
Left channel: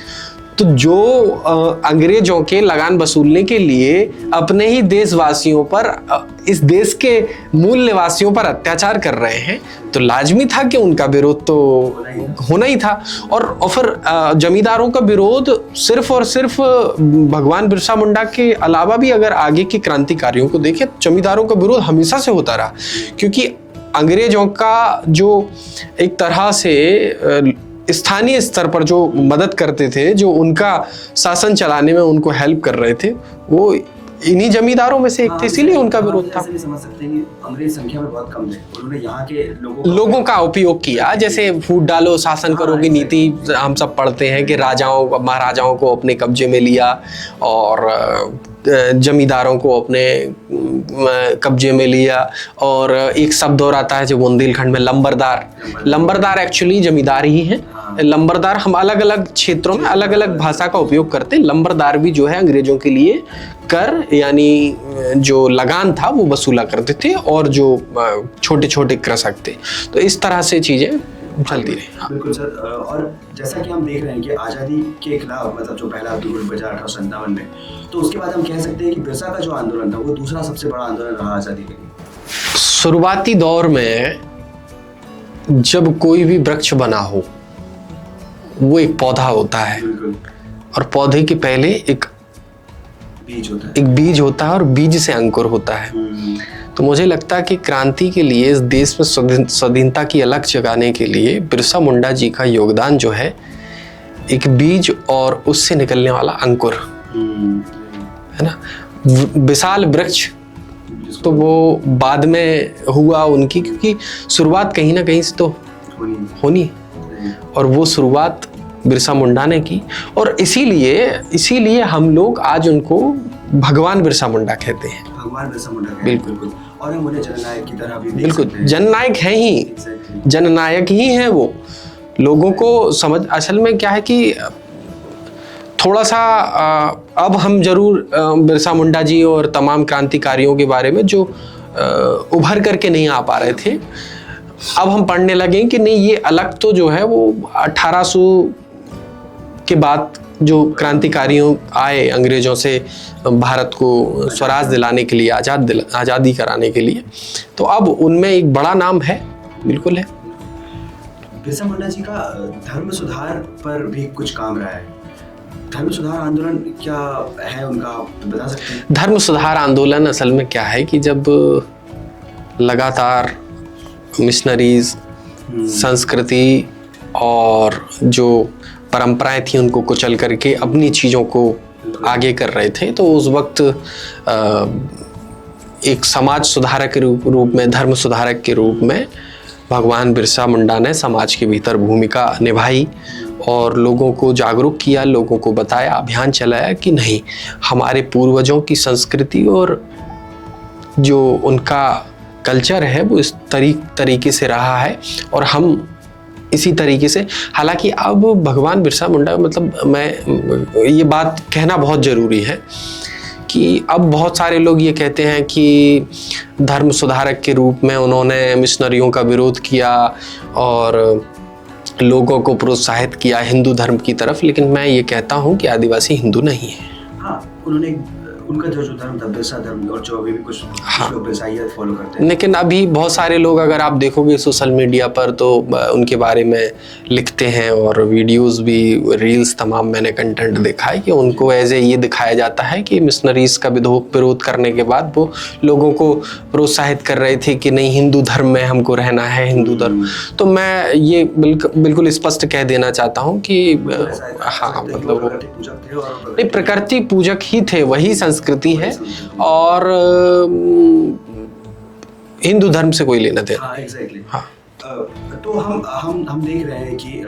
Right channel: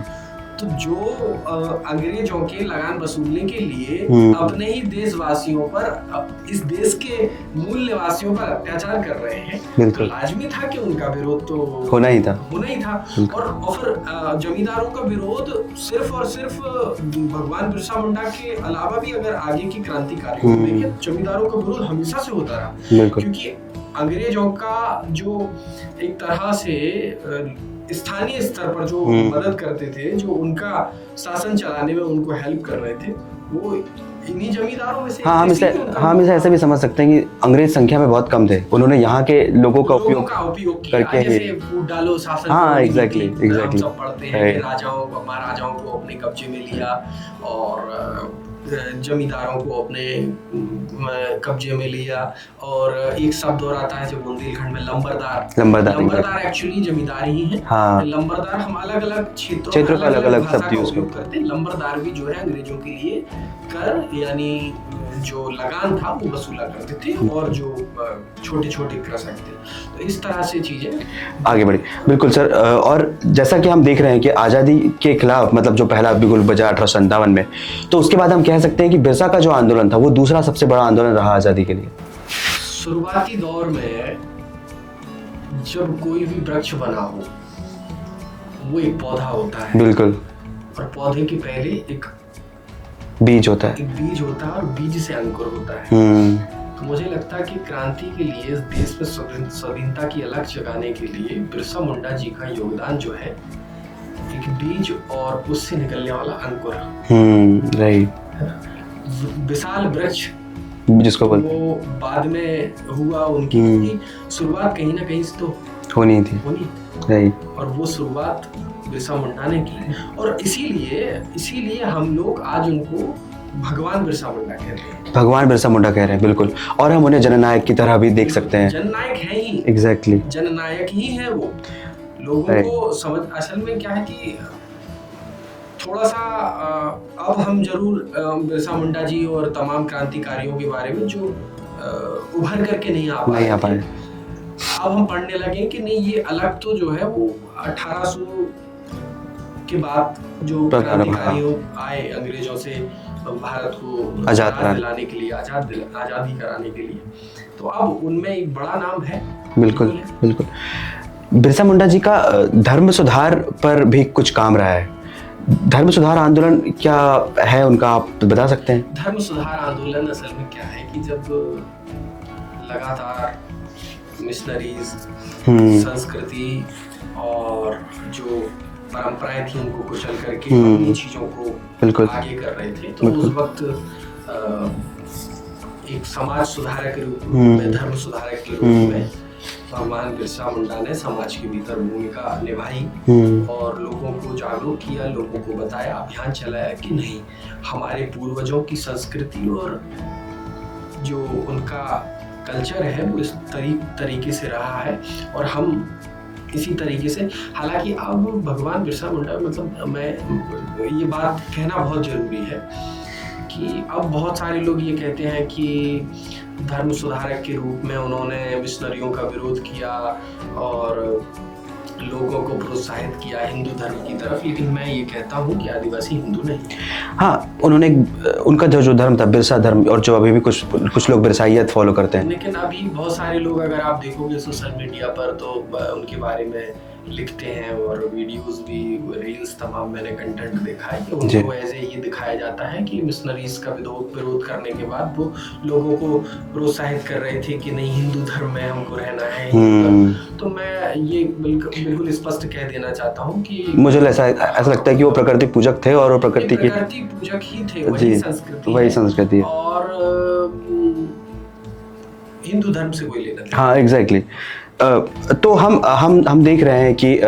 तो जो अंग्रेजों के लगान वसूलने के लिए अपने ही देशवासियों पर, इस देश के मूल निवासियों पर अत्याचार कर रहे हैं, तो लाजमी था कि उनका विरोध तो होना ही था। और फिर जमींदारों का विरोध सिर्फ और सिर्फ भगवान बिरसा मुंडा के अलावा भी अगर आगे के क्रांतिकारियों को देखें, जमींदारों का विरोध हमेशा से होता रहा, क्योंकि अंग्रेजों का जो एक तरह से स्थानीय स्तर पर जो मदद करते थे, जो उनका शासन चलाने में उनको हेल्प कर रहे थे, वो इन्हीं जमींदारों में से इसीलिए उनका ऐसे भी समझ सकते हैं कि अंग्रेज संख्या में बहुत कम थे, उन्होंने यहाँ के लोगों का उपयोग किया। जैसे फूट डालो शासन करो की नीति हम सब पढ़ते हैं कि राजाओं महाराजाओं को अपने कब्जे में लिया और जमींदारों को अपने कब्जे में लिया। और एक शब्द और आता है जो बुंदेलखंड में लंबरदार एक्चुअली जमींदार ही है। लंबरदार हम अलग अलग क्षेत्रों में अलग अलग भाषा का उपयोग करते हैं। लंबरदार भी जो है अंग्रेजों के लिए कर यानी जो लगान था वो वसूला करते थे, और जो छोटे छोटे कृषक थे। तो इस तरह से चीजें आगे बढ़ी। बिल्कुल सर। और जैसा कि हम देख रहे हैं कि आज़ादी के खिलाफ मतलब जो पहला बिगुल बजा 1857 में, तो उसके बाद हम कह सकते हैं कि बिरसा का जो आंदोलन था वो दूसरा सबसे बड़ा आंदोलन रहा आज़ादी के लिए। शुरुआती दौर में जब कोई भी वृक्ष बना हो वो एक पौधा होता है। बिल्कुल। और पौधे के पहले एक बीज होता है और बीज से अंकुर होता है। तो मुझे लगता है कि क्रांति के लिए, इस देश में स्वाधीनता की अलग जगाने के लिए बिरसा मुंडा जी का योगदान जो है एक बीज और उससे निकलने वाला अंकुर, राइट, है ना, विशाल वृक्ष जिसको तो वो बाद में हुआ उनकी, क्योंकि शुरुआत कहीं ना कहीं से तो होनी और वो शुरुआत बिरसा मुंडा ने की। और इसीलिए हम लोग आज उनको भगवान बिरसा मुंडा कहते हैं। बिल्कुल। और हम उन्हें जननायक की तरह भी देख सकते हैं। जननायक हैं ही, एग्जैक्टली जननायक ही हैं वो। लोगों को समझ, असल में क्या है कि थोड़ा सा अब हम जरूर बिरसा मुंडा जी और तमाम क्रांतिकारियों के बारे में जो उभर करके नहीं आ पा रहे थे, अब हम पढ़ने लगे कि नहीं, ये अलग तो जो है वो 1800 के बाद जो क्रांतिकारियों आए अंग्रेजों से भारत को स्वराज दिलाने के लिए, आज़ादी कराने के लिए, तो अब उनमें एक बड़ा नाम है। बिल्कुल। बिरसा मुंडा जी का धर्म सुधार पर भी कुछ काम रहा है। धर्म सुधार आंदोलन क्या है उनका, आप बता सकते हैं? धर्म सुधार आंदोलन असल में क्या है कि जब लगातार मिशनरीज संस्कृति और जो परंपराएं थी उनको कुचल करके अपनी चीजों को आगे कर रहे थे, तो उस वक्त एक समाज सुधारक के रूप में, धर्म सुधारक के रूप में भगवान बिरसा मुंडा ने समाज के भीतर भूमिका निभाई और लोगों को जागरूक किया, लोगों को बताया, अभियान चलाया कि नहीं, हमारे पूर्वजों की संस्कृति और जो उनका कल्चर है वो इस तरीके से रहा है और हम इसी तरीके से। हालांकि अब भगवान बिरसा मुंडा, मतलब मैं ये बात कहना बहुत ज़रूरी है कि अब बहुत सारे लोग ये कहते हैं कि धर्म सुधारक के रूप में उन्होंने मिशनरियों का विरोध किया और लोगों को प्रोत्साहित किया हिंदू धर्म की तरफ, लेकिन मैं ये कहता हूँ कि आदिवासी हिंदू नहीं है। हाँ, उन्होंने उनका जो धर्म था बिरसा धर्म, और जो अभी भी कुछ लोग बिरसाइयत फॉलो करते हैं। लेकिन अभी बहुत सारे लोग, अगर आप देखोगे सोशल मीडिया पर, तो उनके बारे में लिखते हैं और वीडियोस भी, रील्स तमाम मैंने कंटेंट देखा है कि उनको एज ए ये दिखाया जाता है कि मिशनरीज का विरोध करने के बाद वो लोगों को प्रोत्साहित कर रहे थे कि नहीं, हिंदू धर्म में हमको रहना है, हिंदू धर्म। तो मैं ये बिल्कुल स्पष्ट कह देना चाहता हूँ कि मुझे ऐसा लगता है कि वो प्रकृति पूजक थे और वो प्रकृति पूजक ही थे, वही संस्कृति है और हिंदू धर्म से कोई लेना देना। हाँ, एग्जैक्टली। तो हम देख रहे हैं कि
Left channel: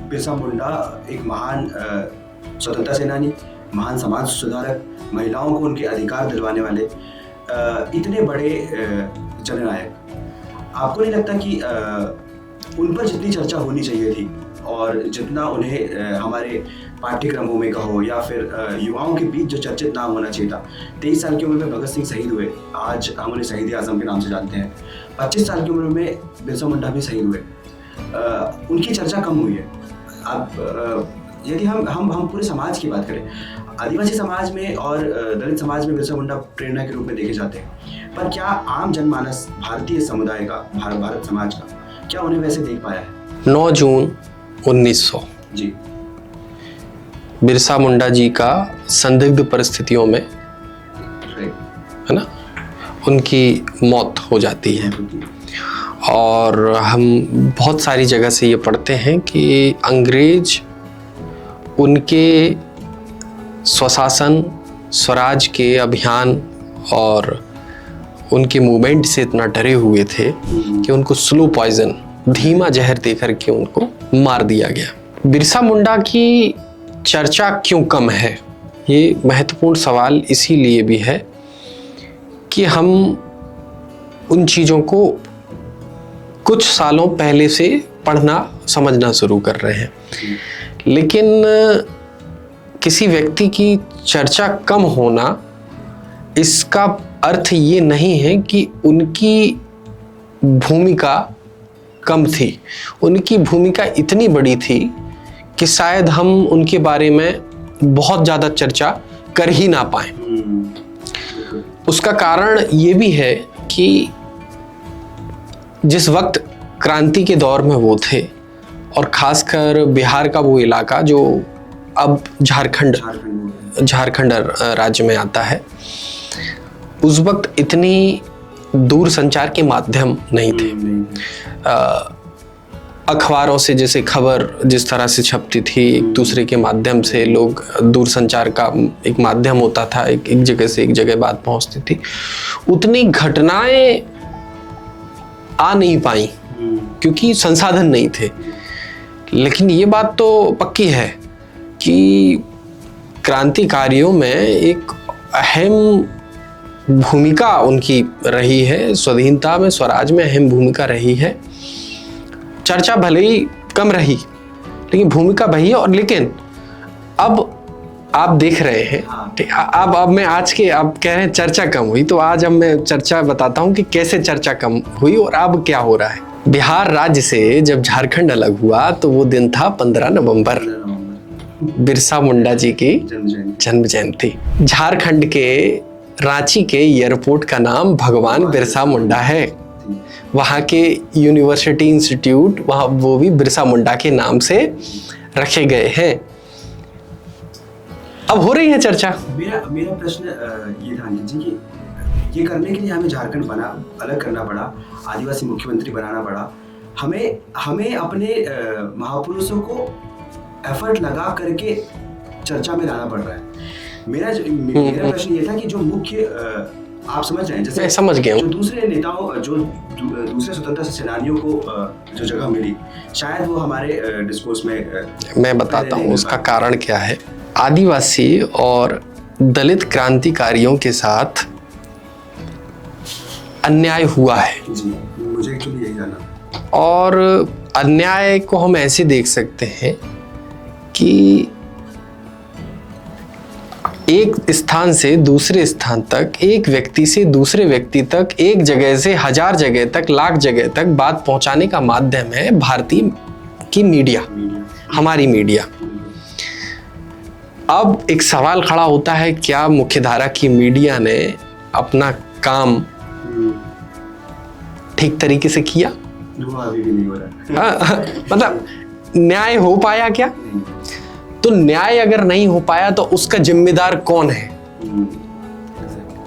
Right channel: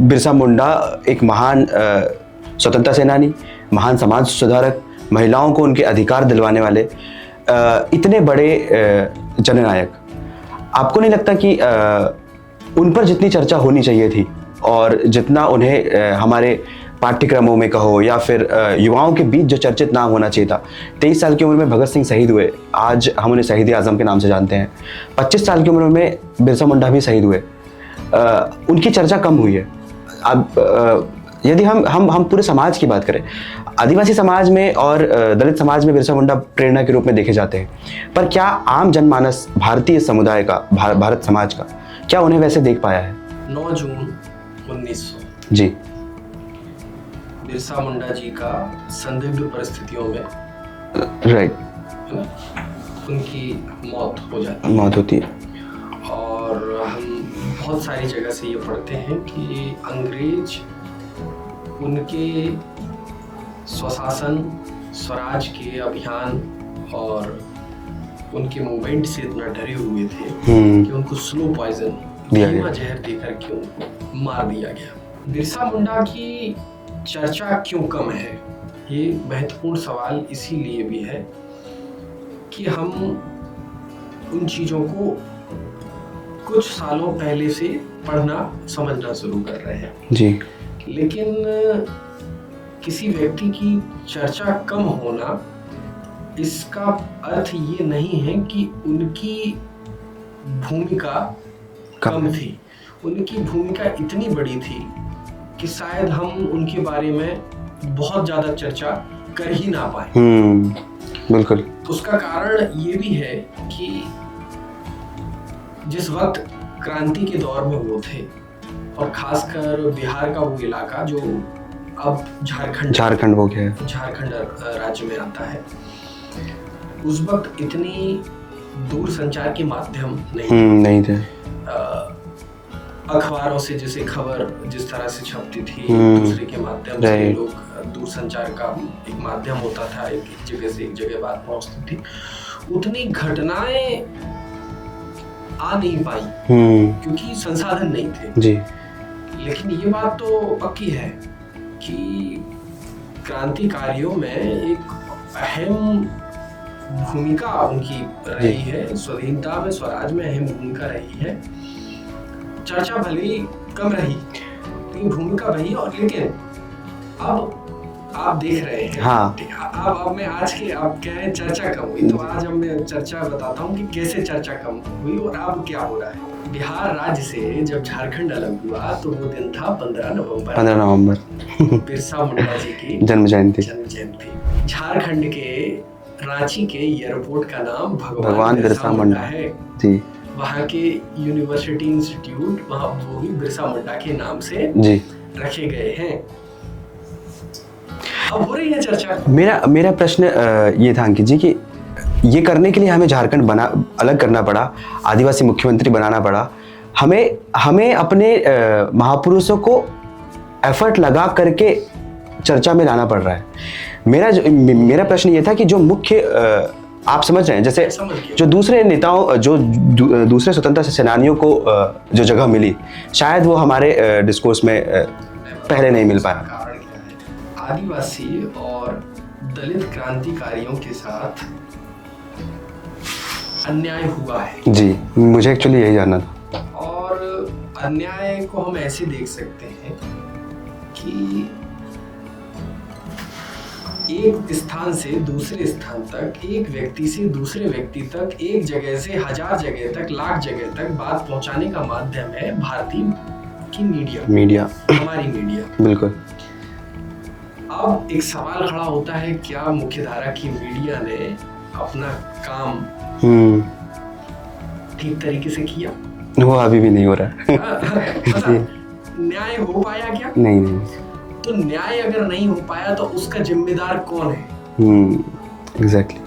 बिरसा मुंडा एक महान स्वतंत्रता सेनानी, महान समाज सुधारक, महिलाओं को उनके अधिकार दिलवाने वाले, इतने बड़े जननायक, आपको नहीं लगता कि उन पर जितनी चर्चा होनी चाहिए थी और जितना उन्हें हमारे पाठ्यक्रमों में कहो या फिर युवाओं के बीच जो चर्चित नाम होना चाहिए था। 23 साल की उम्र में भगत सिंह शहीद हुए, आज हम उन्हें शहीद आजम के नाम से जानते हैं। 25 साल की उम्र में बिरसा मुंडा भी शहीद हुए, उनकी चर्चा कम हुई है। अब यदि हम पूरे समाज की बात करें, आदिवासी समाज में और दलित समाज में बिरसा मुंडा प्रेरणा के रूप में देखे जाते हैं, पर क्या आम जनमानस भारतीय समुदाय का, भारत समाज का, क्या उन्हें वैसे देख पाया है? 9 जून 1900 जी, बिरसा मुंडा जी का संदिग्ध परिस्थितियों में, राइट, है ना, उनकी मौत हो जाती है। मौत होती है। और हम बहुत सारी जगह से ये पढ़ते हैं कि अंग्रेज उनके स्वशासन, स्वराज के अभियान और उनके मूवमेंट से इतना डरे हुए थे कि उनको स्लो पॉइजन, धीमा जहर देकर के उनको मार दिया गया। बिरसा मुंडा की चर्चा क्यों कम है, ये महत्वपूर्ण सवाल इसीलिए भी है कि हम उन चीज़ों को कुछ सालों पहले से पढ़ना समझना शुरू कर रहे हैं जी। लेकिन किसी व्यक्ति की चर्चा कम होना, इसका अर्थ ये नहीं है कि उनकी भूमिका कम थी। उनकी भूमिका इतनी बड़ी थी कि शायद हम उनके बारे में बहुत ज़्यादा चर्चा कर ही ना पाए। बिल्कुल। उसका कारण ये भी है कि जिस वक्त क्रांति के दौर में वो थे, और खासकर बिहार का वो इलाका जो अब झारखंड हो गया, झारखंड राज्य में आता है, उस वक्त इतनी दूर संचार के माध्यम नहीं थे। अखबारों से जैसे खबर जिस तरह से छपती थी, एक दूसरे के माध्यम से लोग, दूर संचार का एक माध्यम होता था, एक जगह से एक जगह बात पहुंचती थी, उतनी घटनाएं आ नहीं पाई क्योंकि संसाधन नहीं थे जी। लेकिन ये बात तो पक्की है कि क्रांतिकारियों में एक अहम भूमिका उनकी रही है, स्वाधीनता में, स्वराज में अहम भूमिका रही है। चर्चा भले ही कम रही लेकिन भूमिका वही है। और लेकिन अब आप देख रहे हैं, हाँ। अब मैं आज के, आप कह रहे हैं चर्चा कम हुई, तो आज अब मैं चर्चा बताता हूँ कि कैसे चर्चा कम हुई और अब क्या हो रहा है। बिहार राज्य से जब झारखंड अलग हुआ तो वो दिन था 15 नवंबर बिरसा मुंडा जी की जन्म जयंती। झारखंड के रांची के एयरपोर्ट का नाम भगवान बिरसा मुंडा है जी। वहाँ के यूनिवर्सिटी इंस्टीट्यूट, वहाँ वो भी बिरसा मुंडा के नाम से जी रखे गए हैं। अब हो रही है चर्चा। मेरा प्रश्न ये था अंकित जी कि ये करने के लिए हमें झारखंड अलग करना पड़ा, आदिवासी मुख्यमंत्री बनाना पड़ा, हमें अपने महापुरुषों को एफर्ट लगा करके चर्चा में लाना पड़ रहा है। मेरा प्रश्न ये था कि जो मुख्य, आप समझ रहे हैं, जैसे समझ गया, जो दूसरे नेताओं, जो दूसरे स्वतंत्रता सेनानियों को जो जगह मिली, शायद वो हमारे डिस्कोर्स में मैं बताता हूँ उसका कारण क्या है। आदिवासी और दलित क्रांतिकारियों के साथ अन्याय हुआ है जी। मुझे एक्चुअली यही जानना था। और अन्याय को हम ऐसे देख सकते हैं कि एक स्थान से दूसरे स्थान तक, एक व्यक्ति से दूसरे व्यक्ति तक, एक जगह से 1000 जगह तक, लाख जगह तक बात पहुंचाने का माध्यम है भारतीय की मीडिया, हमारी मीडिया। बिल्कुल। अब एक सवाल खड़ा होता है, क्या मुख्यधारा की मीडिया ने अपना काम ठीक तरीके से किया? वो अभी भी नहीं हो रहा। मतलब न्याय हो पाया क्या? नहीं। तो न्याय अगर नहीं हो पाया तो उसका जिम्मेदार कौन है? एग्जैक्टली।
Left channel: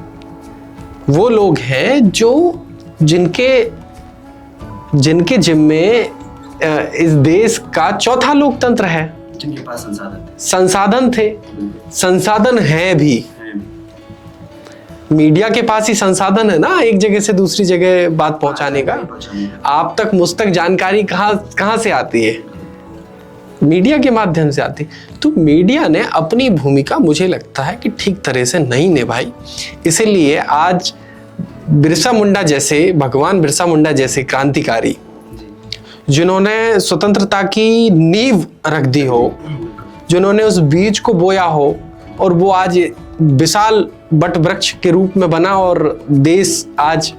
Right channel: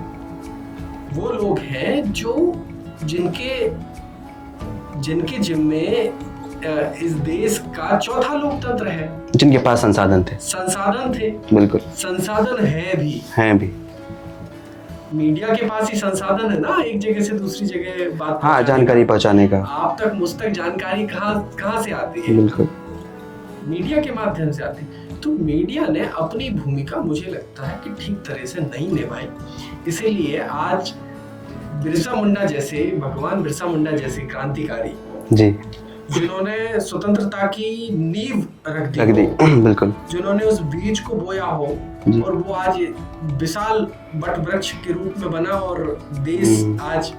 वो लोग हैं जो जिनके जिम्मे इस देश का चौथा लोकतंत्र है, जिनके पास संसाधन थे। बिल्कुल। संसाधन हैं भी। मीडिया के पास ही संसाधन है ना, एक जगह से दूसरी जगह बात पहुंचाने का। आप तक मुझ तक जानकारी कहाँ से आती है? बिल्कुल, मीडिया के माध्यम से आती। तो मीडिया ने अपनी भूमिका, मुझे लगता है कि ठीक तरह से नहीं निभाई। इसीलिए आज बिरसा मुंडा जैसे, भगवान बिरसा मुंडा जैसे क्रांतिकारी जी, जिन्होंने स्वतंत्रता की नींव रख दी हो, बिल्कुल, जिन्होंने उस बीज को बोया हो और वो आज विशाल वट वृक्ष के रूप में बना और देश आज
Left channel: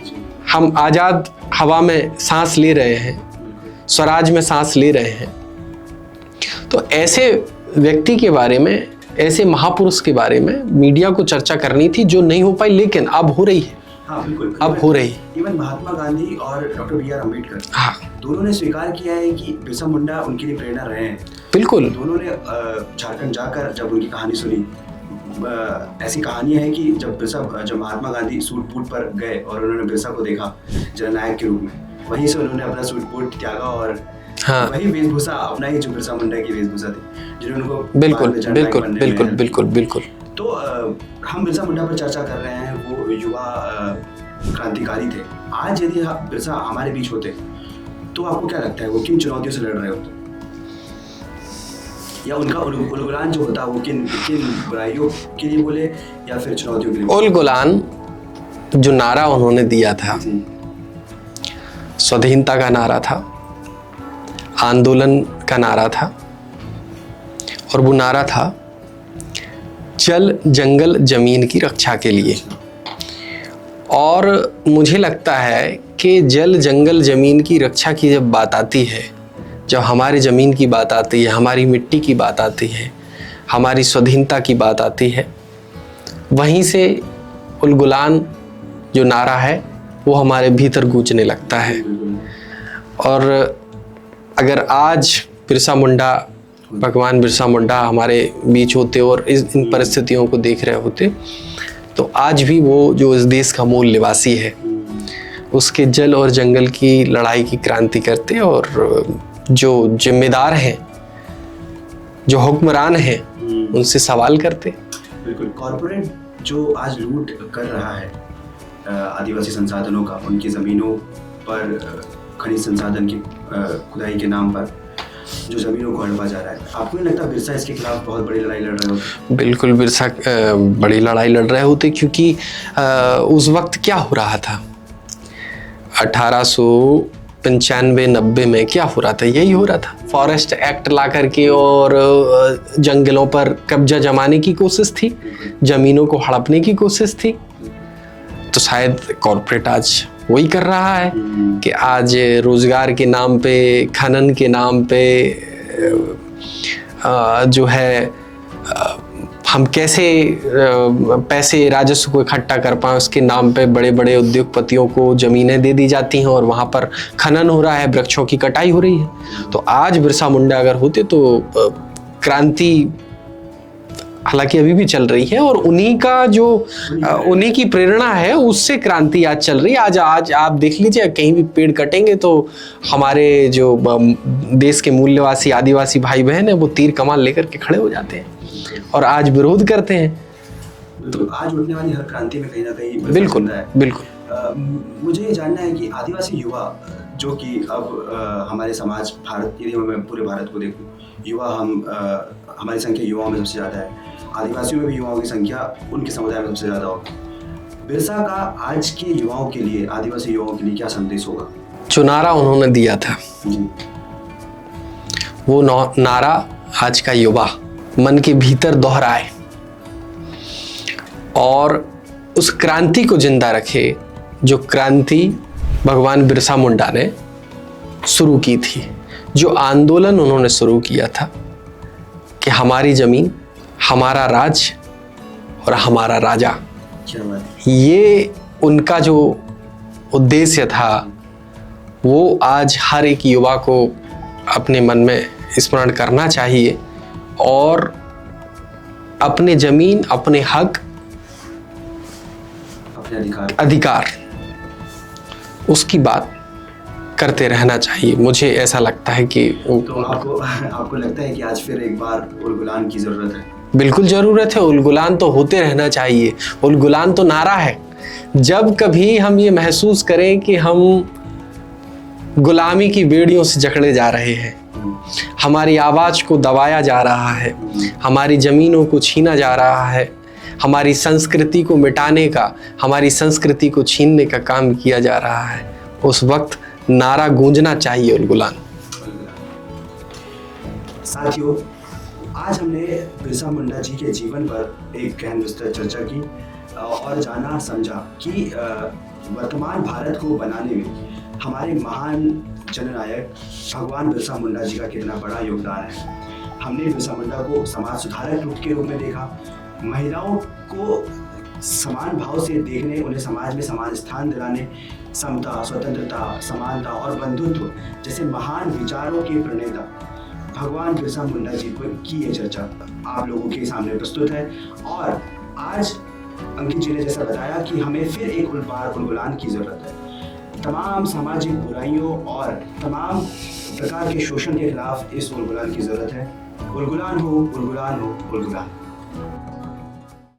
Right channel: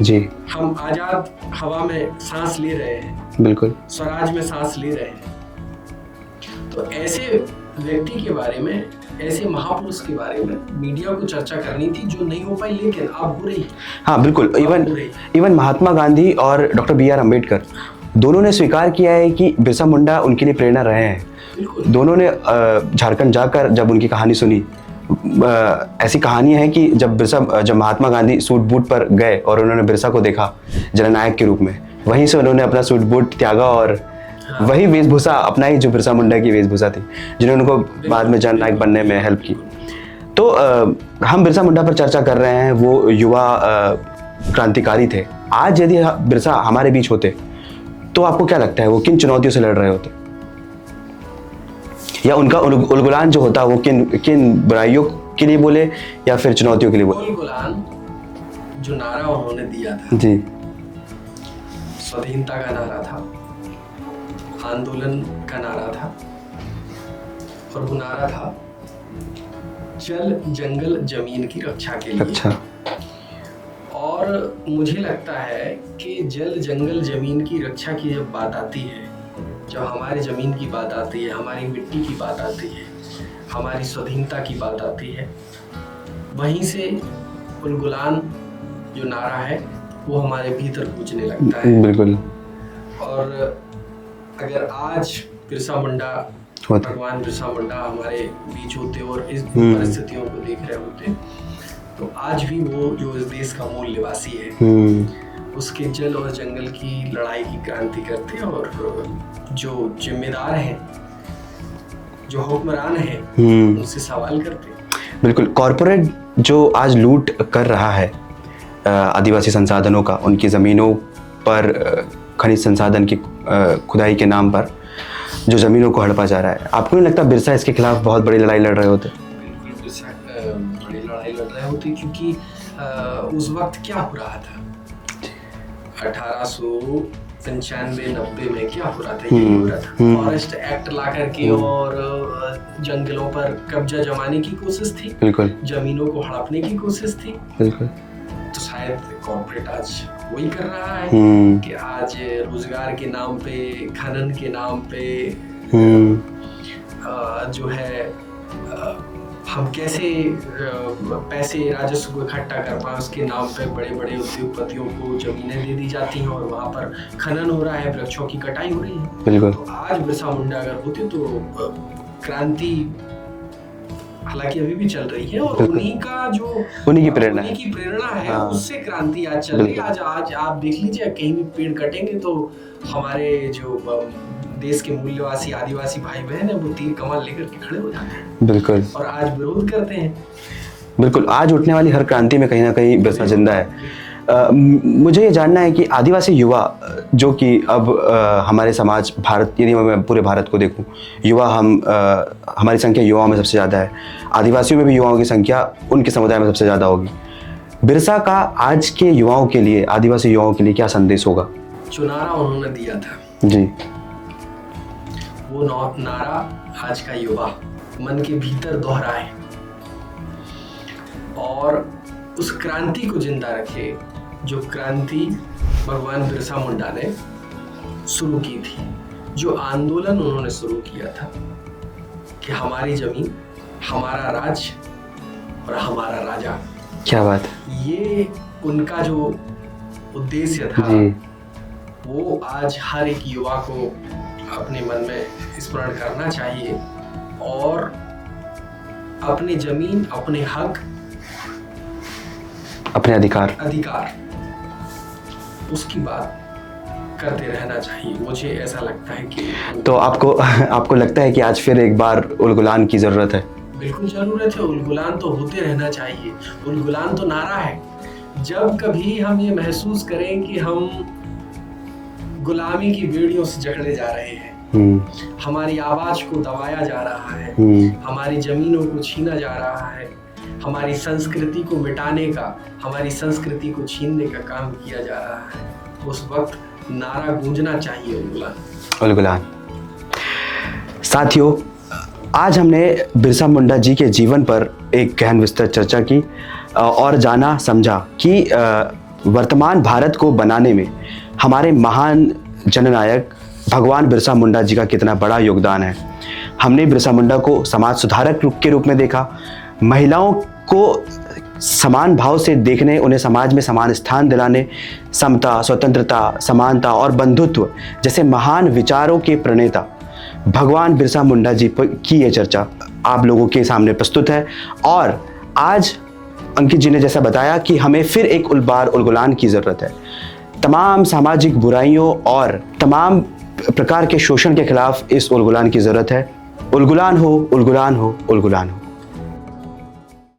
जी, हम आजाद हवा में सांस ले रहे हैं, बिल्कुल, स्वराज में सांस ले रहे हैं। तो ऐसे व्यक्ति के बारे में, ऐसे महापुरुष के बारे में मीडिया को चर्चा करनी थी, जो नहीं हो पाई, लेकिन अब हो रही है। हाँ बिल्कुल, अब हो रही। इवन महात्मा गांधी और डॉक्टर बी आर अम्बेडकर, हाँ, दोनों ने स्वीकार किया है कि बिरसा मुंडा उनके लिए प्रेरणा रहे हैं। बिल्कुल, दोनों ने झारखंड जाकर जब उनकी कहानी सुनी, ऐसी कहानी है कि जब महात्मा गांधी सूट बूट पर गए और उन्होंने बिरसा को देखा जननायक के रूप में, वहीं से उन्होंने अपना सूट बूट त्यागा और हाँ, वही वेशभूषा अपनाई जो बिरसा मुंडा की वेशभूषा थी, जिन्होंने उनको बाद में जननायक बनने में हेल्प की। बिल्कुल बिल्कुल। तो हम बिरसा मुंडा पर चर्चा कर रहे हैं, वो युवा क्रांतिकारी थे। आज यदि बिरसा हमारे बीच होते तो आपको क्या लगता है वो किन चुनौतियों से लड़ रहे होते, या उनका उलगुलान जो होता वो किन किन बुराइयों के लिए बोले या फिर चुनौतियों के लिए बोले? उलगुलान जो नारा उन्होंने दिया था जी, स्वाधीनता का नारा था, आंदोलन का नारा था, और वो नारा था जल जंगल जमीन की रक्षा के लिए। अच्छा, और मुझे लगता है कि जल जंगल जमीन की रक्षा की जब बात आती है, जब हमारी ज़मीन की बात आती है, हमारी मिट्टी की बात आती है, हमारी स्वाधीनता की बात आती है, वहीं से उलगुलान जो नारा है वो हमारे भीतर गूंजने लगता है। बिल्कुल। और अगर आज बिरसा मुंडा, भगवान बिरसा मुंडा हमारे बीच होते और इन परिस्थितियों को देख रहे होते, तो आज भी वो जो इस देश का मूल निवासी है, उसके जल और जंगल की लड़ाई की क्रांति करते और जो जिम्मेदार हैं, जो हुक्मरान हैं, उनसे सवाल करते। बिल्कुल। कॉरपोरेट जो आज लूट कर रहा है आदिवासी संसाधनों का, उनकी ज़मीनों पर खनिज संसाधन की खुदाई के नाम पर जो ज़मीनों को हड़पा जा रहा है, आपको नहीं लगता बिरसा इसके खिलाफ बहुत बड़ी लड़ाई लड़ रहे होते? बिल्कुल, बिरसा बड़ी लड़ाई लड़ रहे होते, क्योंकि उस वक्त क्या हो रहा था 1895-90 में, क्या हो रहा था? यही हो रहा था, फॉरेस्ट एक्ट ला करके और जंगलों पर कब्जा जमाने की कोशिश थी, बिल्कुल, जमीनों को हड़पने की कोशिश थी। बिल्कुल। तो शायद कॉर्पोरेट आज वही कर रहा है कि आज रोजगार के नाम पे, खनन के नाम पे जो है हम कैसे पैसे राजस्व को इकट्ठा कर पाएं, उसके नाम पे बड़े बड़े उद्योगपतियों को जमीनें दे दी जाती हैं और वहाँ पर खनन हो रहा है, वृक्षों की कटाई हो रही है। तो आज बिरसा मुंडा अगर होते तो क्रांति हालांकि अभी भी चल रही है और उन्हीं का जो उन्हीं की प्रेरणा है, उससे क्रांति आज चल रही है। आज आप देख लीजिए, कहीं भी पेड़ कटेंगे तो हमारे जो देश के मूल्यवासी आदिवासी भाई बहन है, वो तीर कमान लेकर के खड़े हो जाते हैं। बिल्कुल। और आज विरोध करते हैं। बिल्कुल, आज उठने वाली हर क्रांति में कहीं ना कहीं बिरसा जिंदा है। बिल्कुल। मुझे ये जानना है कि आदिवासी युवा जो कि अब हमारे समाज, भारत, यदि मैं पूरे भारत को देखूं, युवा हमारी संख्या युवाओं में सबसे ज़्यादा है, आदिवासियों में भी युवाओं की संख्या उनके समुदाय में सबसे ज़्यादा होगी। बिरसा का आज के युवाओं के लिए, आदिवासी युवाओं के लिए क्या संदेश होगा? जो नारा उन्होंने दिया था जी, वो नारा आज का युवा मन के भीतर दोहराए और उस क्रांति को जिंदा रखे, जो क्रांति भगवान बिरसा मुंडा ने शुरू की थी, जो आंदोलन उन्होंने शुरू किया था कि हमारी जमीन, हमारा राज और हमारा राजा। क्या बात है। ये उनका जो उद्देश्य था, वो आज हर एक युवा को अपने मन में स्मरण करना चाहिए और अपने जमीन, अपने हक, अपने अधिकार उसकी बात करते रहना चाहिए। मुझे ऐसा लगता है कि तो आपको लगता है कि आज फिर एक बार उलगुलान की जरूरत है? बिल्कुल जरूरत है। उलगुलान तो होते रहना चाहिए। उलगुलान तो नारा है। जब कभी हम ये महसूस करें कि हम गुलामी की बेड़ियों से जकड़े जा रहे हैं, हमारी आवाज को दबाया जा रहा है, हमारी जमीनों को छीना जा रहा है, हमारी संस्कृति को मिटाने का, हमारी संस्कृति को छीनने का काम किया जा रहा है, उस वक्त नारा गूंजना चाहिए उलगुलान। उलगुलान। साथियों, आज हमने बिरसा मुंडा जी के जीवन पर एक गहन विस्तृत चर्चा की और जाना समझा कि वर्तमान भारत को बनाने में हमारे महान जननायक भगवान बिरसा मुंडा जी का कितना बड़ा योगदान है। हमने बिरसा मुंडा को समाज सुधारक के रूप में देखा, महिलाओं को समान भाव से देखने, उन्हें समाज में समान स्थान दिलाने, समता, स्वतंत्रता, समानता और बंधुत्व जैसे महान विचारों के प्रणेता भगवान बिरसा मुंडा जी की ये चर्चा आप लोगों के सामने प्रस्तुत है। और आज अंकित जी ने जैसा बताया कि हमें फिर एक बार उलगुलान की ज़रूरत है। तमाम सामाजिक बुराइयों और तमाम प्रकार के शोषण के खिलाफ इस उलगुलान की ज़रूरत है। उलगुलान हो, उलगुलान हो, उलगुलान हो।